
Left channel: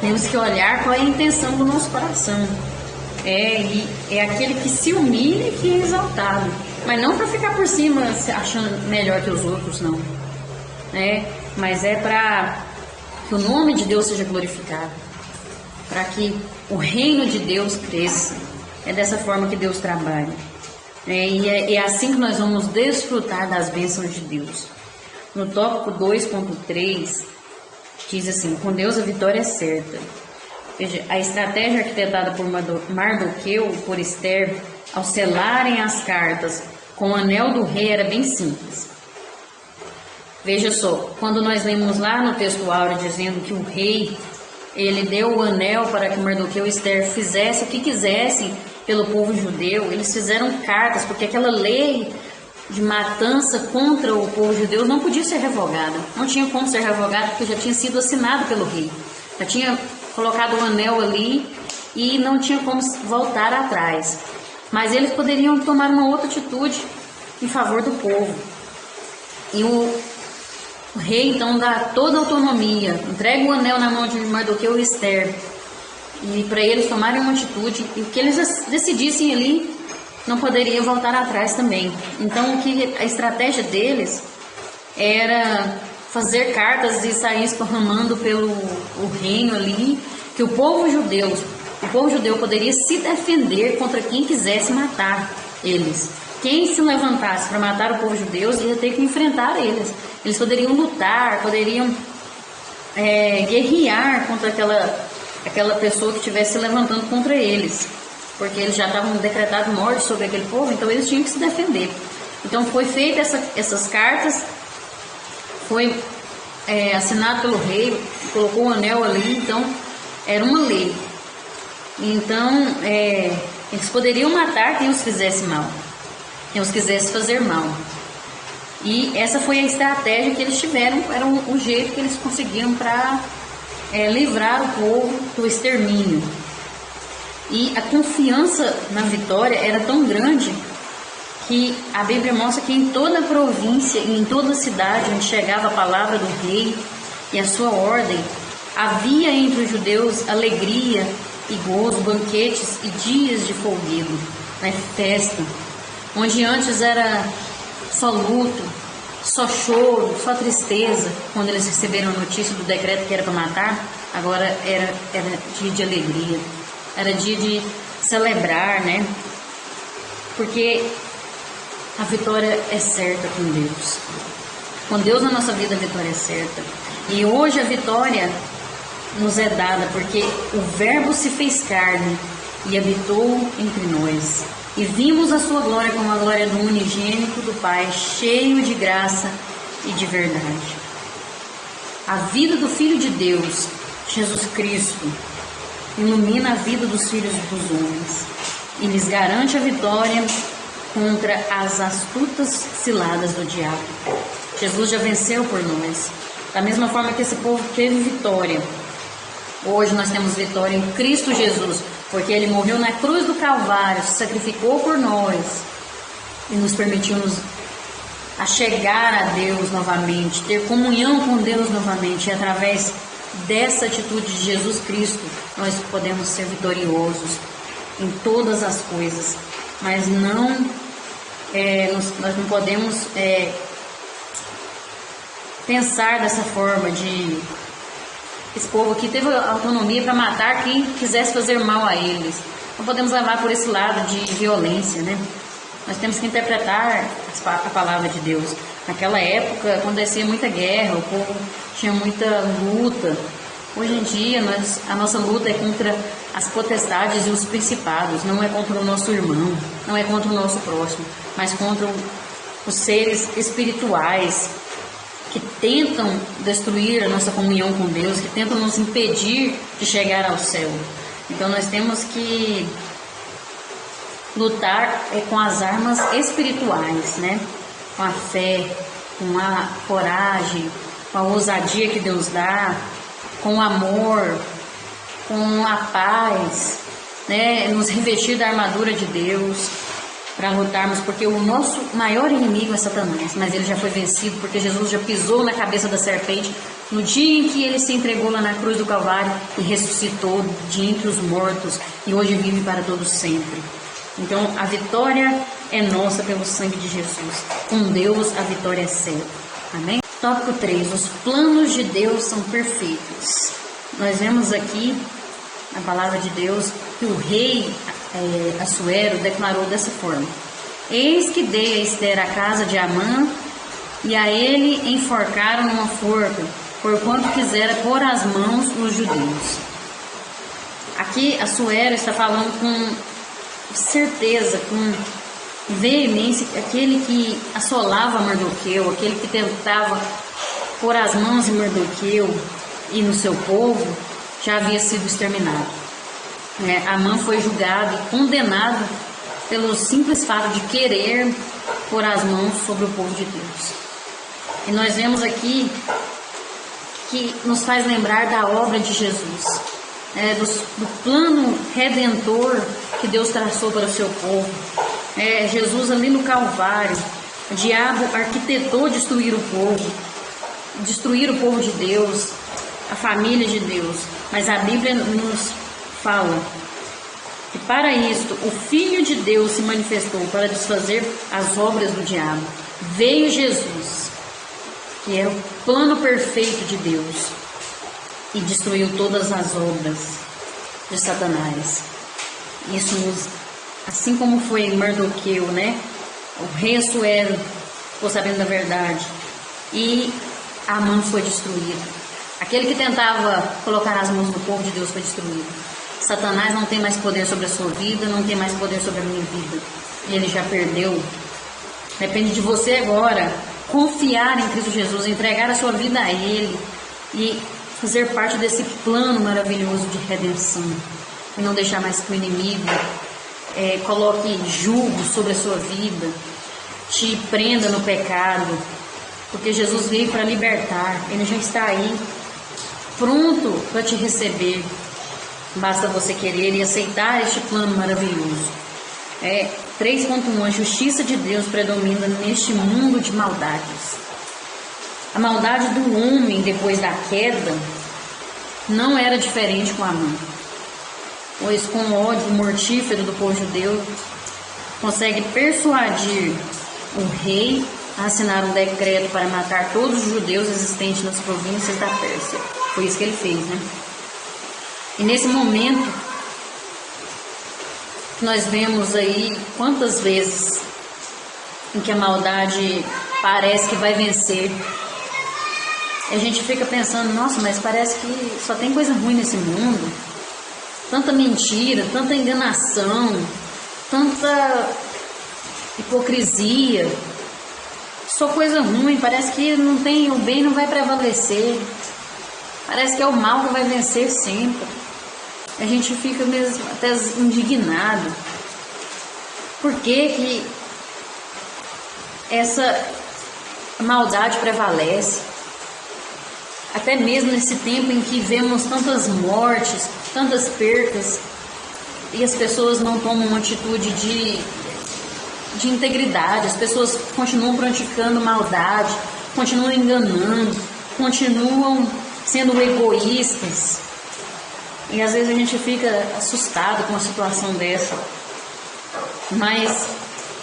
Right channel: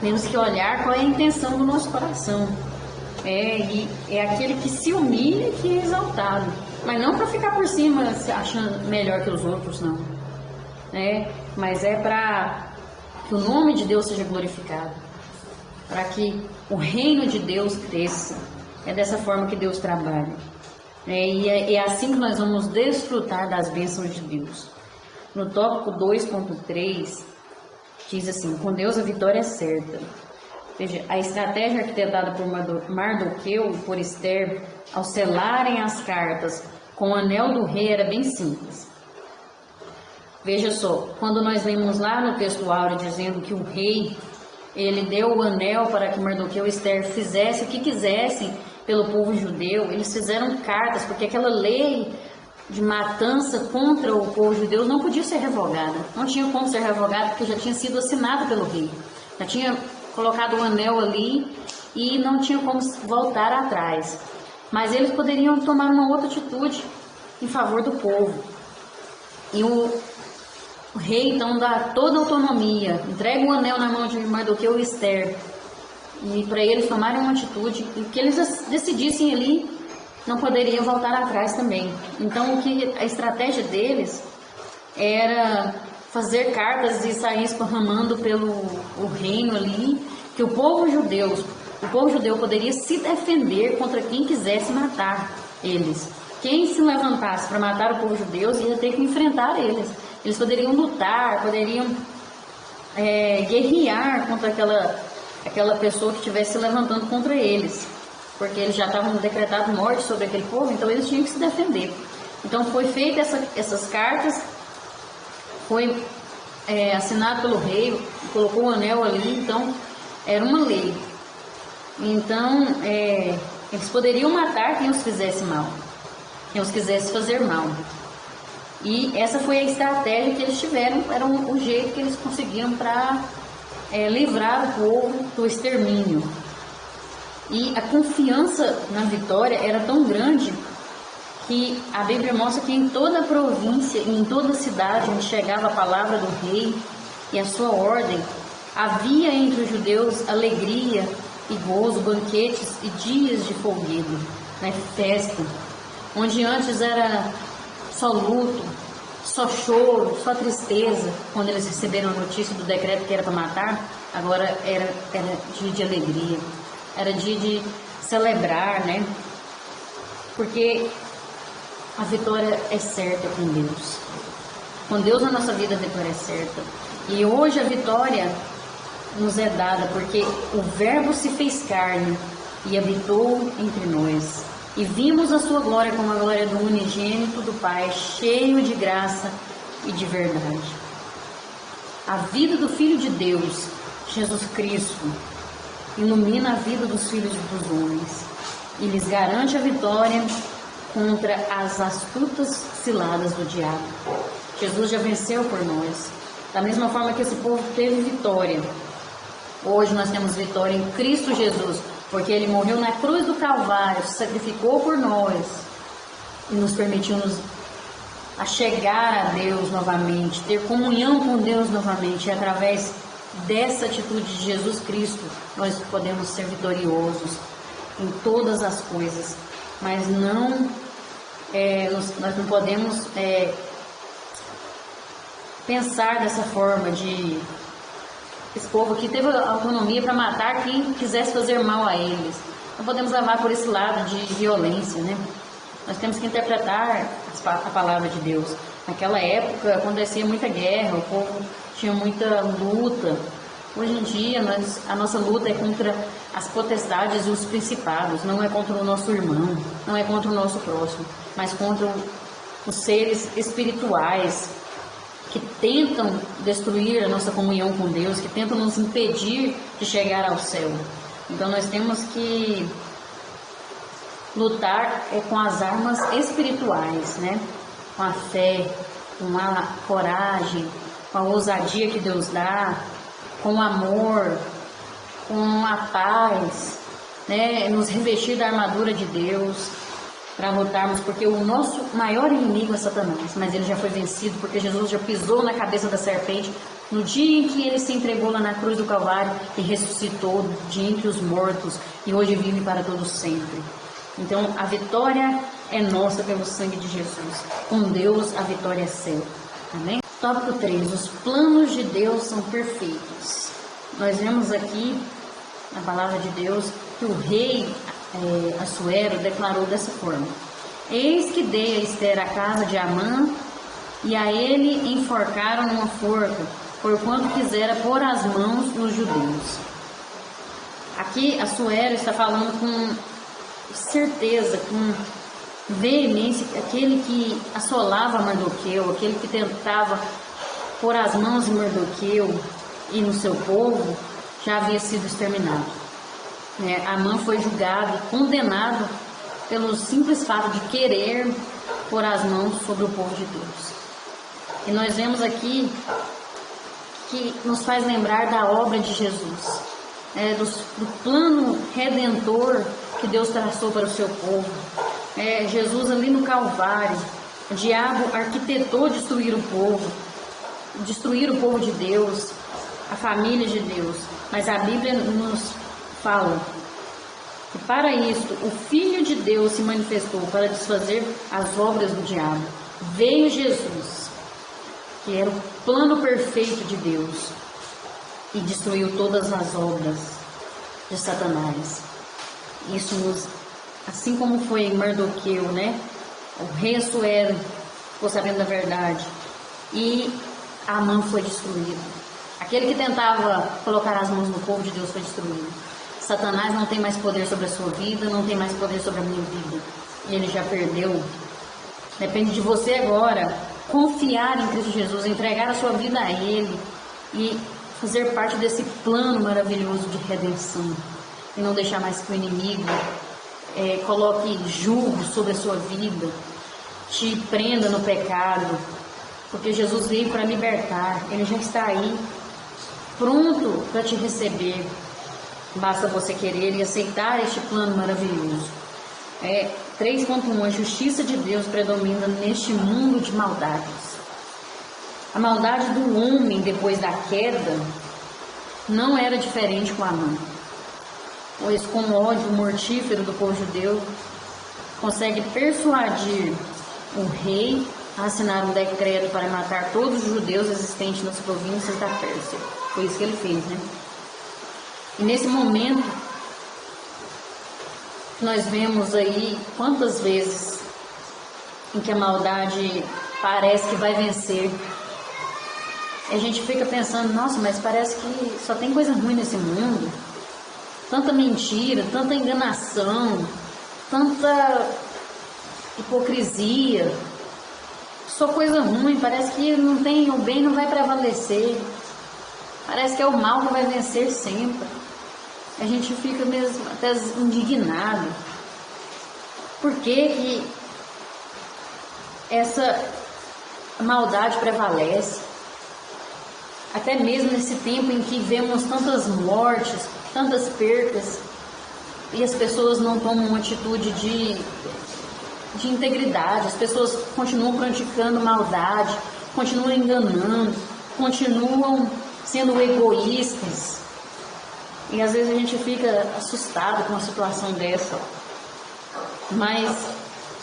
Temos que olhar qual é a intenção do nosso coração. É aquele que se humilha e que é exaltado, mas não para ficar por cima se achando melhor que os outros, não. Mas é para que o nome de Deus seja glorificado, para que o reino de Deus cresça. É dessa forma que Deus trabalha. E é assim que nós vamos desfrutar das bênçãos de Deus. No tópico 2.3, diz assim: com Deus a vitória é certa. Veja, a estratégia arquitetada por Mardoqueu e por Esther, ao selarem as cartas com o anel do rei, era bem simples. Veja só, quando nós lemos lá no texto áureo dizendo que o rei, ele deu o anel para que Mardoqueu e Esther fizessem o que quisessem pelo povo judeu, eles fizeram cartas, porque aquela lei de matança contra o povo judeu não podia ser revogada. Não tinha como ser revogada, porque já tinha sido assinado pelo rei. Já tinha colocado o anel ali e não tinha como voltar atrás. Mas eles poderiam tomar uma outra atitude em favor do povo. E o rei então dá toda a autonomia, entrega o anel na mão de Mardoqueu e Esther, e para eles tomarem uma atitude, e o que eles decidissem ali não poderia voltar atrás também. Então a estratégia deles era fazer cartas e sair esparramando pelo reino ali, que o povo judeu poderia se defender contra quem quisesse matar eles. Quem se levantasse para matar o povo judeu ia ter que enfrentar eles. Eles poderiam lutar, poderiam guerrear contra aquela pessoa que estivesse se levantando contra eles, porque eles já estavam decretado morte sobre aquele povo, então eles tinham que se defender. Então foi feita essas cartas, foi assinado pelo rei, colocou o anel ali, então era uma lei. Então eles poderiam matar quem os fizesse mal, quem os quisesse fazer mal. E essa foi a estratégia que eles tiveram, era o jeito que eles conseguiram para livrar o povo do extermínio. E a confiança na vitória era tão grande que a Bíblia mostra que em toda a província e em toda a cidade onde chegava a palavra do rei e a sua ordem, havia entre os judeus alegria e gozo, banquetes e dias de folguedo, festa, onde antes era só luto, só choro, só tristeza. Quando eles receberam a notícia do decreto que era para matar, agora era dia de alegria, era dia de celebrar, porque a vitória é certa com Deus. Com Deus na nossa vida a vitória é certa. E hoje a vitória nos é dada porque o Verbo se fez carne e habitou entre nós. E vimos a sua glória como a glória do unigênito do Pai, cheio de graça e de verdade. A vida do Filho de Deus, Jesus Cristo, ilumina a vida dos filhos dos homens e lhes garante a vitória contra as astutas ciladas do diabo. Jesus já venceu por nós. Da mesma forma que esse povo teve vitória, hoje nós temos vitória em Cristo Jesus, porque Ele morreu na cruz do Calvário, se sacrificou por nós e nos permitiu a chegar a Deus novamente, ter comunhão com Deus novamente. E através dessa atitude de Jesus Cristo, nós podemos ser vitoriosos em todas as coisas, mas não nós não podemos pensar dessa forma de esse povo aqui teve autonomia para matar quem quisesse fazer mal a eles. Não podemos levar por esse lado de violência, né? Nós temos que interpretar a palavra de Deus. Naquela época acontecia muita guerra, o povo tinha muita luta. Hoje em dia a nossa luta é contra as potestades e os principados, não é contra o nosso irmão, não é contra o nosso próximo, mas contra os seres espirituais que tentam destruir a nossa comunhão com Deus, que tentam nos impedir de chegar ao céu. Então nós temos que lutar com as armas espirituais, né? Com a fé, com a coragem, com a ousadia que Deus dá, com o amor, com a paz, né? Nos revestir da armadura de Deus para lutarmos, porque o nosso maior inimigo é Satanás, mas ele já foi vencido, porque Jesus já pisou na cabeça da serpente no dia em que ele se entregou lá na cruz do Calvário e ressuscitou de entre os mortos e hoje vive para todos sempre. Então a vitória é nossa pelo sangue de Jesus. Com Deus a vitória é sempre. Amém? Tópico 3. Os planos de Deus são perfeitos. Nós vemos aqui na palavra de Deus que o rei Assuero declarou dessa forma: eis que dei a Ester a casa de Amã, e a ele enforcaram numa forca, porquanto quisera pôr as mãos nos judeus. Aqui Assuero está falando com certeza, com veemência, aquele que assolava Mardoqueu, aquele que tentava pôr as mãos em Mardoqueu e no seu povo, já havia sido exterminado. Amã foi julgado e condenado pelo simples fato de querer pôr as mãos sobre o povo de Deus. E nós vemos aqui que nos faz lembrar da obra de Jesus, do plano redentor que Deus traçou para o seu povo. Jesus ali no Calvário, o diabo arquitetou destruir o povo de Deus, a família de Deus, mas a Bíblia nos fala que para isto o Filho de Deus se manifestou para desfazer as obras do diabo. Veio Jesus, que era o plano perfeito de Deus, e destruiu todas as obras de Satanás. Isso assim como foi Mardoqueu, o rei Assuero ficou sabendo da verdade e Amã foi destruído. Aquele que tentava colocar as mãos no povo de Deus foi destruído. Satanás não tem mais poder sobre a sua vida, não tem mais poder sobre a minha vida. Ele já perdeu. Depende de você agora confiar em Cristo Jesus, entregar a sua vida a Ele e fazer parte desse plano maravilhoso de redenção. E não deixar mais que o inimigo coloque julgo sobre a sua vida, te prenda no pecado, porque Jesus veio para libertar. Ele já está aí, pronto para te receber. Basta você querer e aceitar este plano maravilhoso. 3.1. A justiça de Deus predomina neste mundo de maldades. A maldade do homem depois da queda não era diferente com Amã, pois com o ódio mortífero do povo judeu consegue persuadir o rei a assinar um decreto para matar todos os judeus existentes nas províncias da Pérsia. Foi isso que ele fez, E nesse momento, nós vemos aí quantas vezes em que a maldade parece que vai vencer. E a gente fica pensando, nossa, mas parece que só tem coisa ruim nesse mundo. Tanta mentira, tanta enganação, tanta hipocrisia. Só coisa ruim, parece que não tem, o bem não vai prevalecer. Parece que é o mal que vai vencer sempre. A gente fica mesmo até indignado. Por que essa maldade prevalece? Até mesmo nesse tempo em que vemos tantas mortes, tantas percas, e as pessoas não tomam uma atitude de integridade, as pessoas continuam praticando maldade, continuam enganando, continuam sendo egoístas. E às vezes a gente fica assustado com uma situação dessa. Mas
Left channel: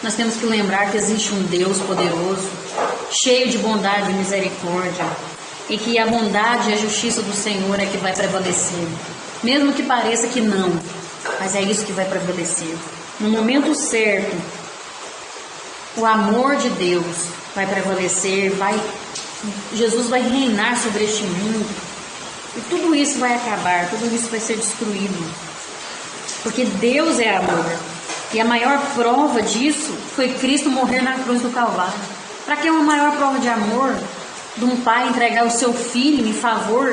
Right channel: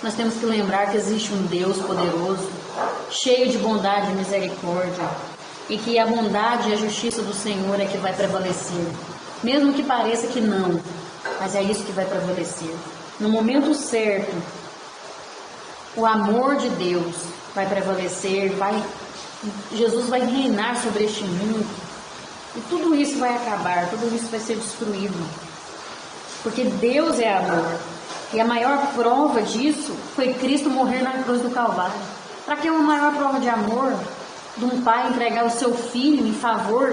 nós temos que lembrar que existe um Deus poderoso, cheio de bondade e misericórdia, e que a bondade e a justiça do Senhor é que vai prevalecer. Mesmo que pareça que não, mas é isso que vai prevalecer. No momento certo, o amor de Deus vai prevalecer, Jesus vai reinar sobre este mundo, e tudo isso vai acabar, tudo isso vai ser destruído, porque Deus é amor. E a maior prova disso foi Cristo morrer na cruz do Calvário. Para que uma maior prova de amor de um pai entregar o seu filho em favor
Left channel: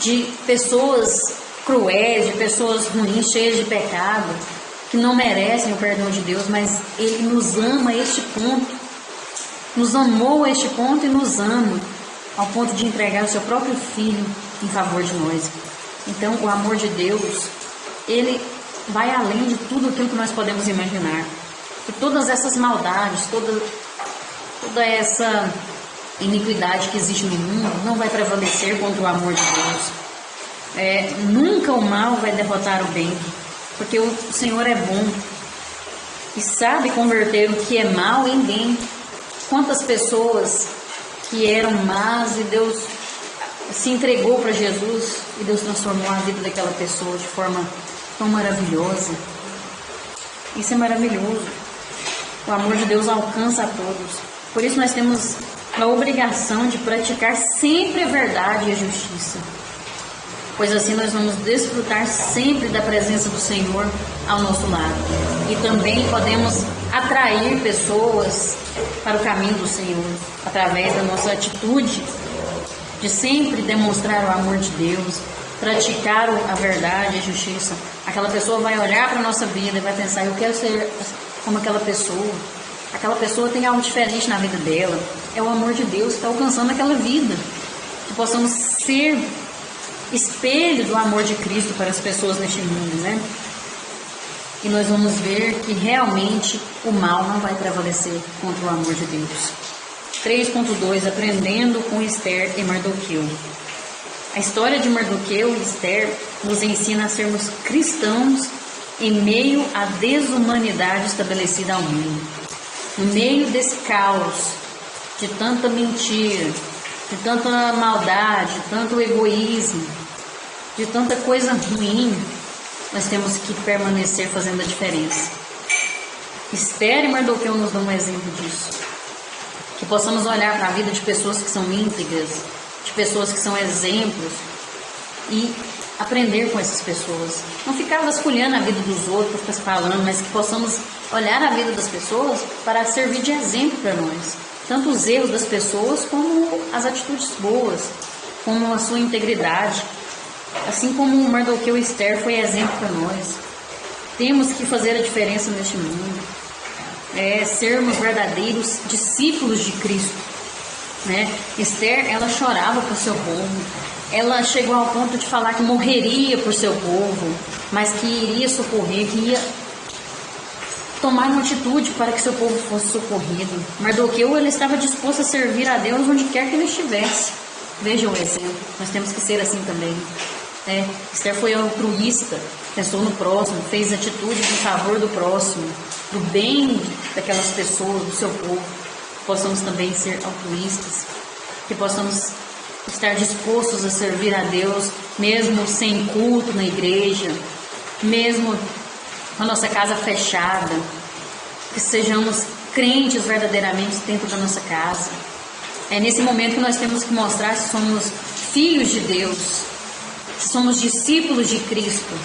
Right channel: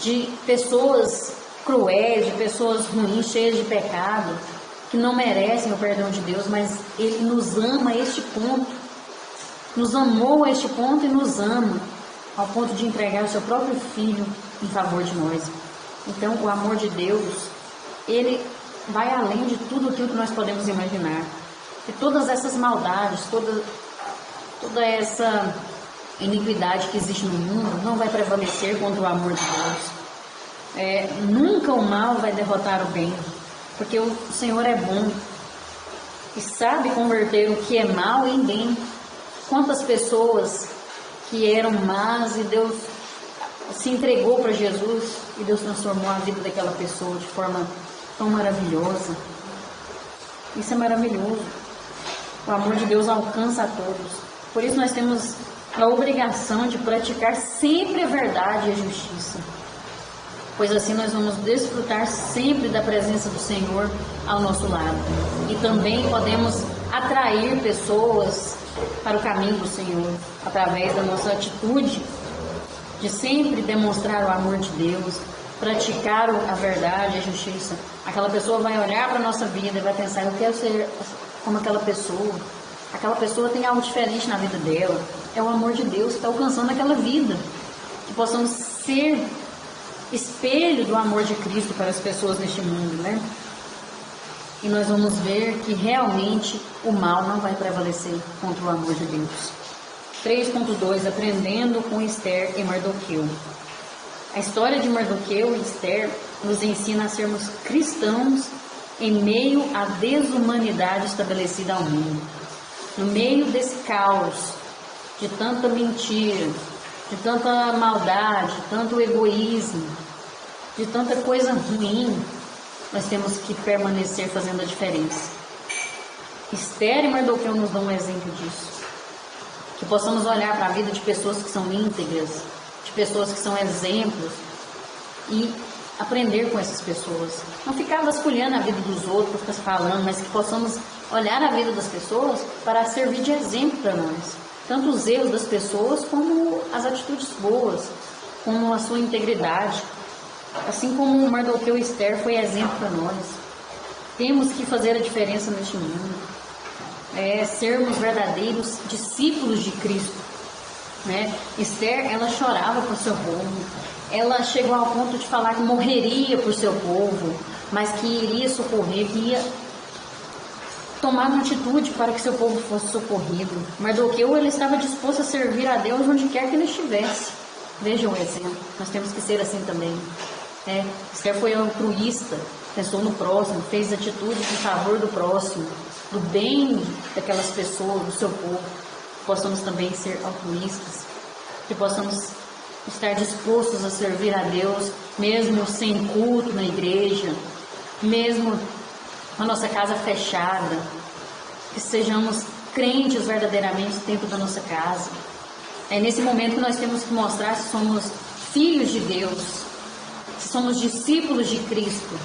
de pessoas cruéis, de pessoas ruins, cheias de pecado, que não merecem o perdão de Deus, mas Ele nos ama a este ponto, nos amou a este ponto e nos ama ao ponto de entregar o seu próprio filho em favor de nós. Então, o amor de Deus, Ele vai além de tudo aquilo que nós podemos imaginar. E todas essas maldades, toda essa iniquidade que existe no mundo não vai prevalecer contra o amor de Deus. Nunca o mal vai derrotar o bem, porque o Senhor é bom e sabe converter o que é mal em bem. Quantas pessoas que eram más e Deus se entregou para Jesus e Deus transformou a vida daquela pessoa de forma tão maravilhosa. Isso é maravilhoso. O amor de Deus alcança a todos. Por isso nós temos a obrigação de praticar sempre a verdade e a justiça, pois assim nós vamos desfrutar sempre da presença do Senhor ao nosso lado. E também podemos atrair pessoas para o caminho do Senhor, através da nossa atitude de sempre demonstrar o amor de Deus, praticar a verdade e a justiça. Aquela pessoa vai olhar para a nossa vida e vai pensar: eu quero ser como aquela pessoa. Aquela pessoa tem algo diferente na vida dela. É o amor de Deus que está alcançando aquela vida. Que possamos ser espelho do amor de Cristo para as pessoas neste mundo, né? E nós vamos ver que realmente o mal não vai prevalecer contra o amor de Deus. 3.2 Aprendendo com Esther e Mardoqueu. A história de Mardoqueu e Esther nos ensina a sermos cristãos em meio à desumanidade estabelecida ao mundo. No meio desse caos, de tanta mentira, de tanta maldade, de tanto egoísmo, de tanta coisa ruim, nós temos que permanecer fazendo a diferença. Esther e Mardoqueu nos dão um exemplo disso. Que possamos olhar para a vida de pessoas que são íntegras, de pessoas que são exemplos e aprender com essas pessoas. Não ficar vasculhando a vida dos outros, falando, mas que possamos olhar a vida das pessoas para servir de exemplo para nós. Tanto os erros das pessoas como as atitudes boas, como a sua integridade. Assim como Mardoqueu e Esther foi exemplo para nós. Temos que fazer a diferença neste mundo. Sermos verdadeiros discípulos de Cristo, né? Esther, ela chorava por seu povo, ela chegou ao ponto de falar que morreria por seu povo, mas que iria socorrer, que ia tomar uma atitude para que seu povo fosse socorrido. Mardoqueu, ele estava disposto a servir a Deus onde quer que ele estivesse. Vejam o exemplo, nós temos que ser assim também. Esther foi altruísta, pensou no próximo, fez atitudes em favor do próximo, do bem daquelas pessoas, do seu povo. Possamos também ser altruístas, que possamos estar dispostos a servir a Deus, mesmo sem culto na igreja, mesmo com a nossa casa fechada, que sejamos crentes verdadeiramente dentro da nossa casa. É nesse momento que nós temos que mostrar se somos filhos de Deus, se somos discípulos de Cristo.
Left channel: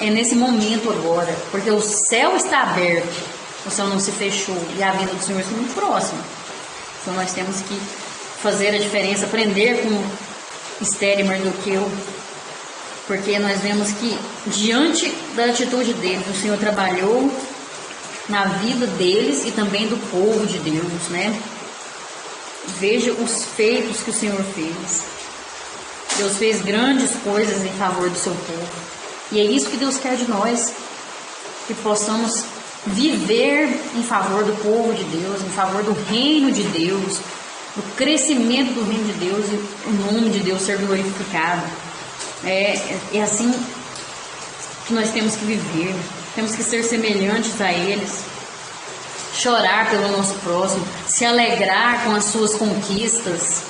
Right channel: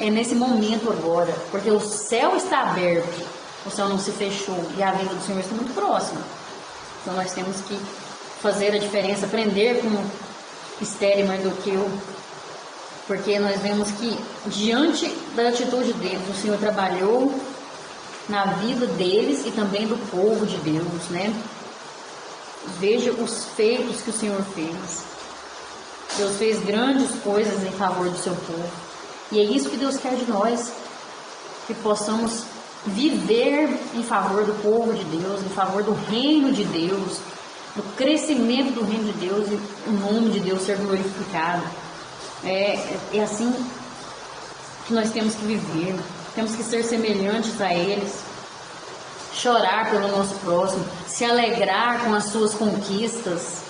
É nesse momento agora, porque o céu está aberto, o céu não se fechou e a vida do Senhor está muito próxima. Então nós temos que fazer a diferença, aprender com Esther e Mardoqueu, porque nós vemos que diante da atitude deles, o Senhor trabalhou na vida deles e também do povo de Deus, né? Veja os feitos que o Senhor fez. Deus fez grandes coisas em favor do seu povo. E é isso que Deus quer de nós, que possamos viver em favor do povo de Deus, em favor do reino de Deus, do crescimento do reino de Deus e o nome de Deus ser glorificado. É assim que nós temos que viver, temos que ser semelhantes a eles, chorar pelo nosso próximo, se alegrar com as suas conquistas,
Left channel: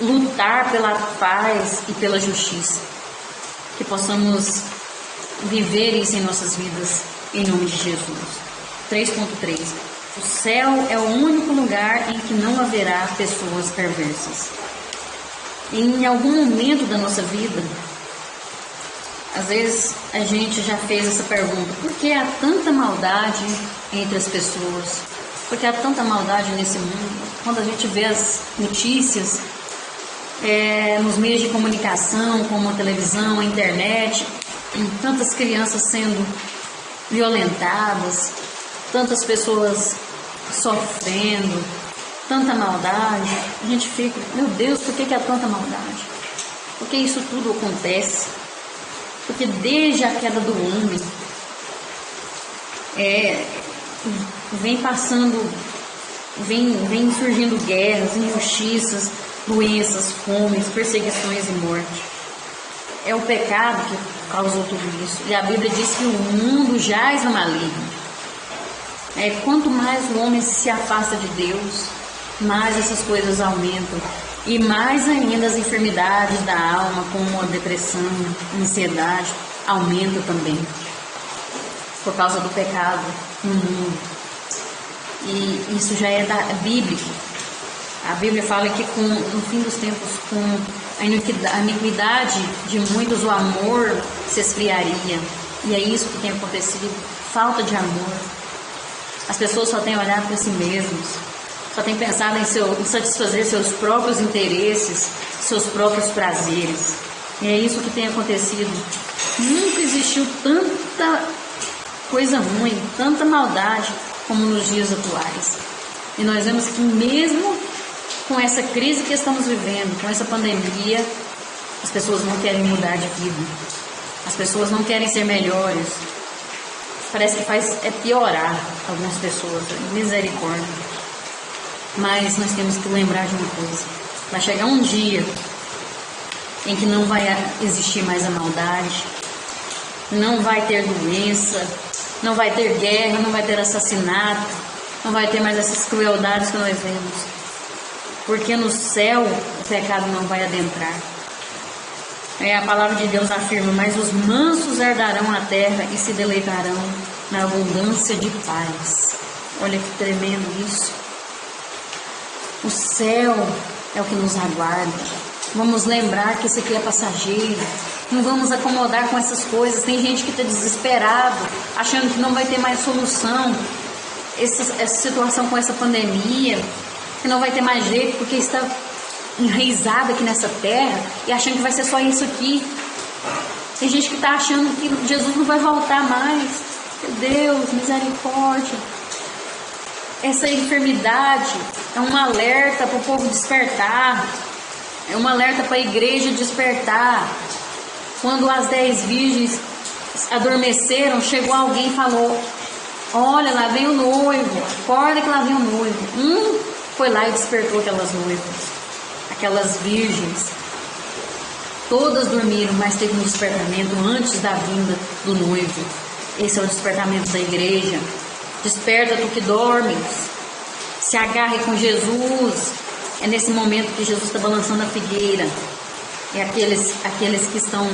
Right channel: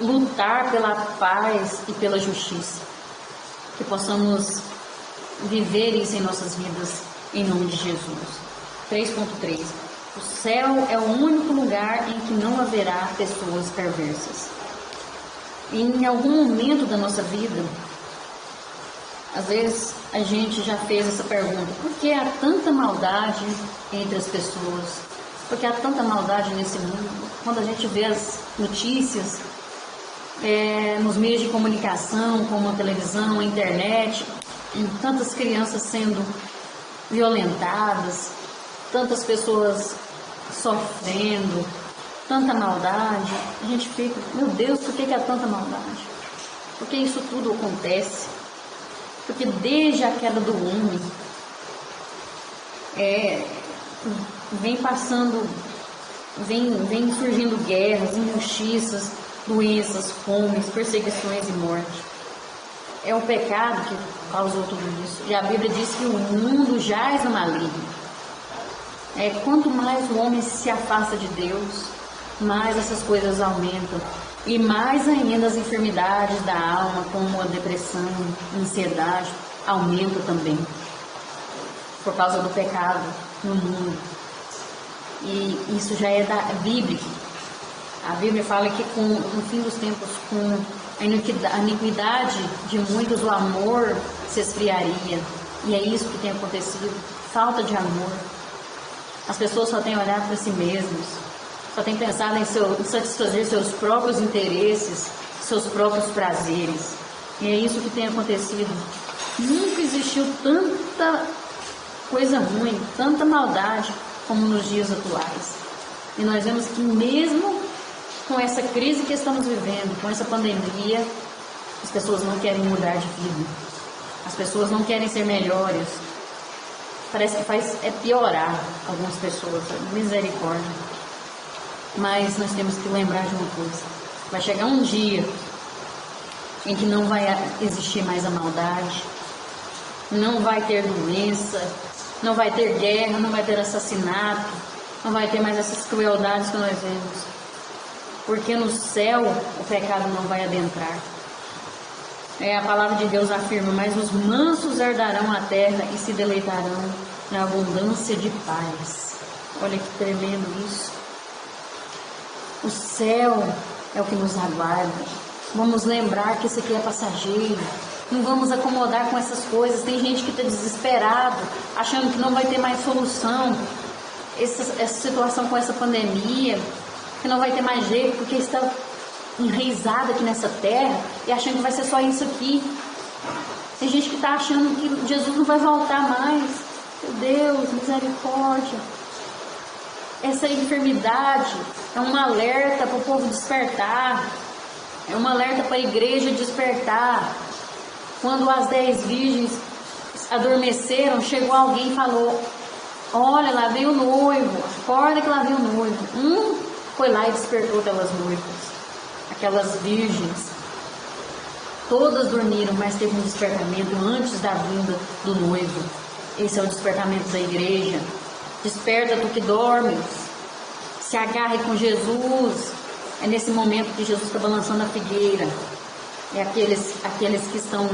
lutar pela paz e pela justiça. Que possamos viver isso em nossas vidas, em nome de Jesus. 3.3. O céu é o único lugar em que não haverá pessoas perversas. E em algum momento da nossa vida, às vezes a gente já fez essa pergunta: por que há tanta maldade entre as pessoas? Por que há tanta maldade nesse mundo? Quando a gente vê as notícias nos meios de comunicação, como a televisão, a internet, tantas crianças sendo violentadas, tantas pessoas sofrendo, tanta maldade, a gente fica, meu Deus, por que há tanta maldade? Por que isso tudo acontece? Porque desde a queda do homem, vem surgindo guerras, injustiças, doenças, fomes, perseguições e morte. É o pecado que causou tudo isso. E a Bíblia diz que o mundo jaz no maligno. Quanto mais o homem se afasta de Deus, mais essas coisas aumentam. E mais ainda as enfermidades da alma, como a depressão, a ansiedade, aumentam também. Por causa do pecado no mundo. E isso já é bíblico. A Bíblia fala que no fim dos tempos, com a iniquidade de muitos, o amor se esfriaria. E é isso que tem acontecido, falta de amor. As pessoas só têm olhado para si mesmos, só têm pensado em satisfazer seus próprios interesses, seus próprios prazeres. E é isso que tem acontecido. Nunca existiu tanta coisa ruim, tanta maldade como nos dias atuais. E nós vemos que mesmo com essa crise que estamos vivendo, com essa pandemia, as pessoas não querem mudar de vida. As pessoas não querem ser melhores. Parece que faz piorar algumas pessoas. Misericórdia. Mas nós temos que lembrar de uma coisa. Vai chegar um dia em que não vai existir mais a maldade, não vai ter doença, não vai ter guerra, não vai ter assassinato, não vai ter mais essas crueldades que nós vemos. Porque no céu o pecado não vai adentrar. A palavra de Deus afirma: mas os mansos herdarão a terra e se deleitarão na abundância de paz. Olha que tremendo isso. O céu é o que nos aguarda. Vamos lembrar que isso aqui é passageiro. Não vamos acomodar com essas coisas. Tem gente que está desesperado, achando que não vai ter mais solução. Essa situação com essa pandemia, que não vai ter mais jeito, porque está enraizado aqui nessa terra e achando que vai ser só isso aqui. Tem gente que está achando que Jesus não vai voltar mais. Meu Deus, misericórdia. Essa enfermidade é um alerta para o povo despertar, é um alerta para a igreja despertar. Quando as 10 virgens adormeceram, chegou alguém e falou: olha, lá vem o noivo, acorda que lá vem o noivo. Foi lá e despertou aquelas noivas, aquelas virgens. Todas dormiram, mas teve um despertamento antes da vinda do noivo. Esse é o despertamento da igreja. Desperta tu que dormes, se agarre com Jesus. É nesse momento que Jesus está balançando a figueira. E aqueles que estão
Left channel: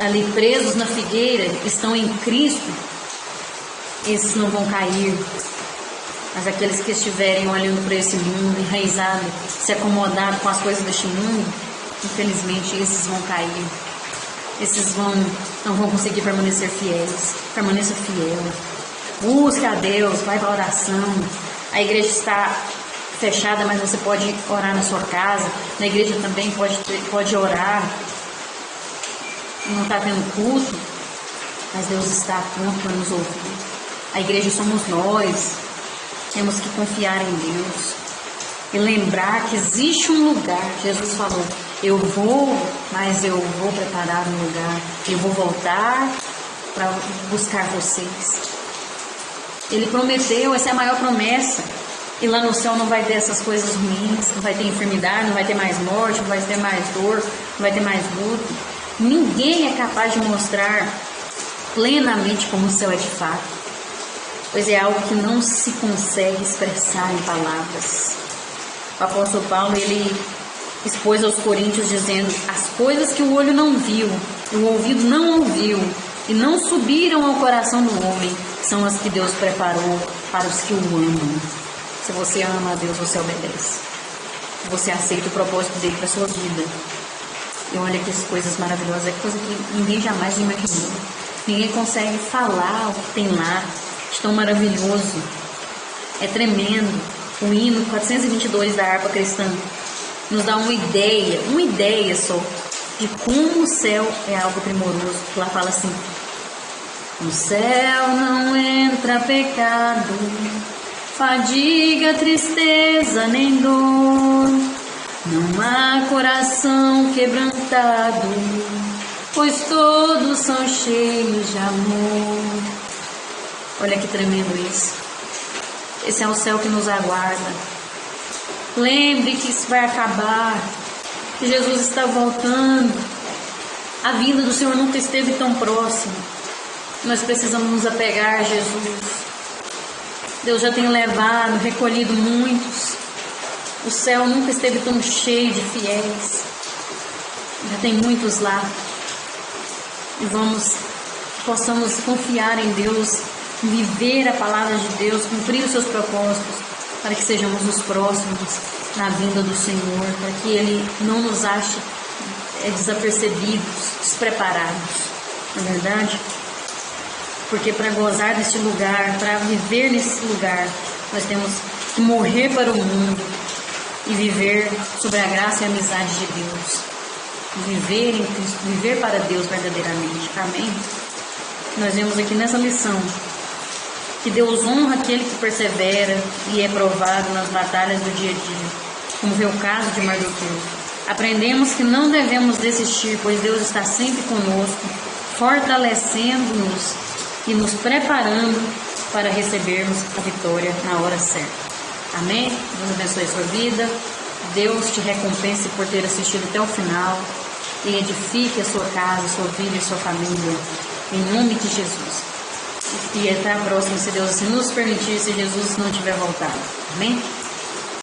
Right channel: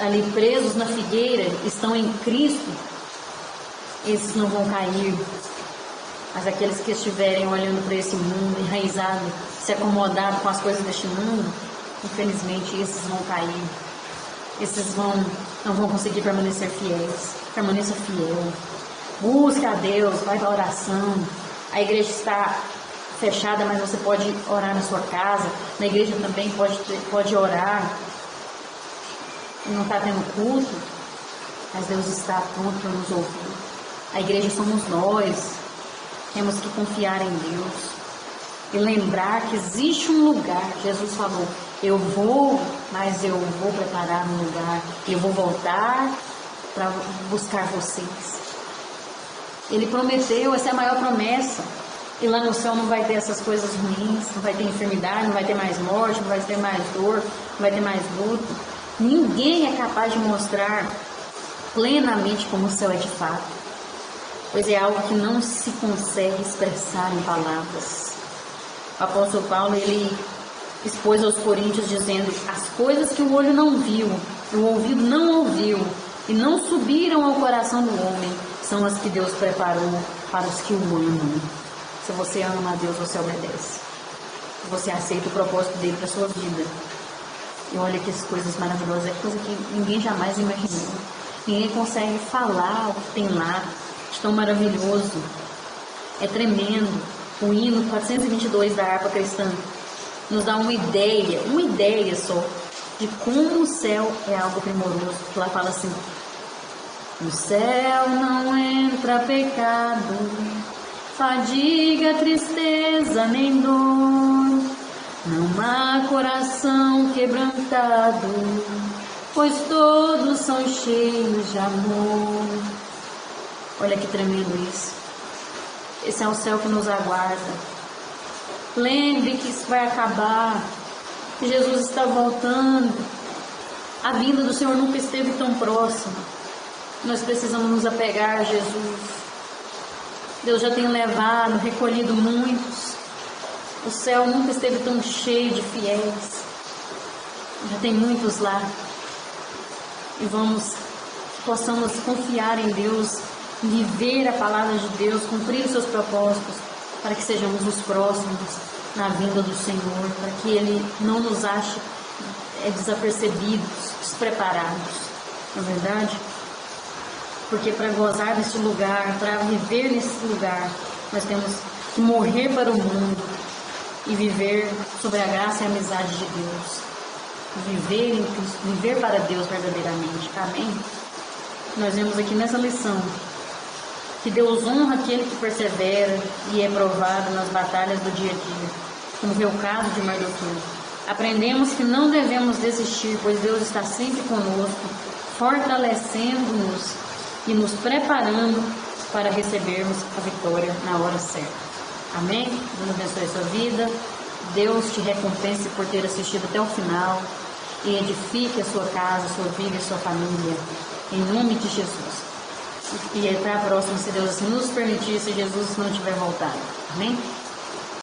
ali presos na figueira, estão em Cristo, esses não vão cair. Mas aqueles que estiverem olhando para esse mundo, enraizado, se acomodado com as coisas deste mundo, infelizmente esses vão cair. Esses não vão conseguir permanecer fiéis. Permaneça fiel. Busca a Deus, vai para a oração. A igreja está fechada, mas você pode orar na sua casa. Na igreja também pode orar. Não está tendo culto, mas Deus está pronto para nos ouvir. A igreja somos nós. Temos que confiar em Deus e lembrar que existe um lugar. Jesus falou: eu vou, mas eu vou preparar um lugar. Eu vou voltar para buscar vocês. Ele prometeu, essa é a maior promessa. E lá no céu não vai ter essas coisas ruins, não vai ter enfermidade, não vai ter mais morte, não vai ter mais dor, não vai ter mais luto. Ninguém é capaz de mostrar plenamente como o céu é de fato, pois é algo que não se consegue expressar em palavras. O apóstolo Paulo, ele expôs aos coríntios dizendo: as coisas que o olho não viu, o ouvido não ouviu e não subiram ao coração do homem, são as que Deus preparou para os que o amam. Se você ama a Deus, você obedece. Você aceita o propósito dele para a sua vida. E olha que coisas maravilhosas, é coisa que ninguém jamais imaginou. Ninguém consegue falar o que tem lá, de tão maravilhoso. É tremendo. O hino 422 da harpa cristã nos dá uma ideia só, de como o céu é algo primoroso. Lá fala assim: no céu não entra pecado, fadiga, tristeza nem dor, não há coração quebrantado, pois todos são cheios de amor. Olha que tremendo isso. Esse é o céu que nos aguarda. Lembre que isso vai acabar, que Jesus está voltando. A vinda do Senhor nunca esteve tão próxima. Nós precisamos nos apegar a Jesus. Deus já tem levado, recolhido muitos. O céu nunca esteve tão cheio de fiéis. Já tem muitos lá. E possamos confiar em Deus, viver a palavra de Deus, cumprir os seus propósitos, para que sejamos os próximos na vinda do Senhor, para que Ele não nos ache desapercebidos, despreparados. Não é verdade? Porque para gozar desse lugar, para viver nesse lugar, nós temos que morrer para o mundo e viver sobre a graça e a amizade de Deus. Viver em Cristo, viver para Deus verdadeiramente. Amém? Nós vemos aqui nessa lição que Deus honra aquele que persevera e é provado nas batalhas do dia a dia, como foi o caso de Mardoqueu. Aprendemos que não devemos desistir, pois Deus está sempre conosco, fortalecendo-nos e nos preparando para recebermos a vitória na hora certa. Amém? Deus abençoe a sua vida. Deus te recompense por ter assistido até o final e edifique a sua casa, a sua vida e a sua família. Em nome de Jesus. E até a próxima, se Deus assim nos permitir, se Jesus não tiver voltado. Amém?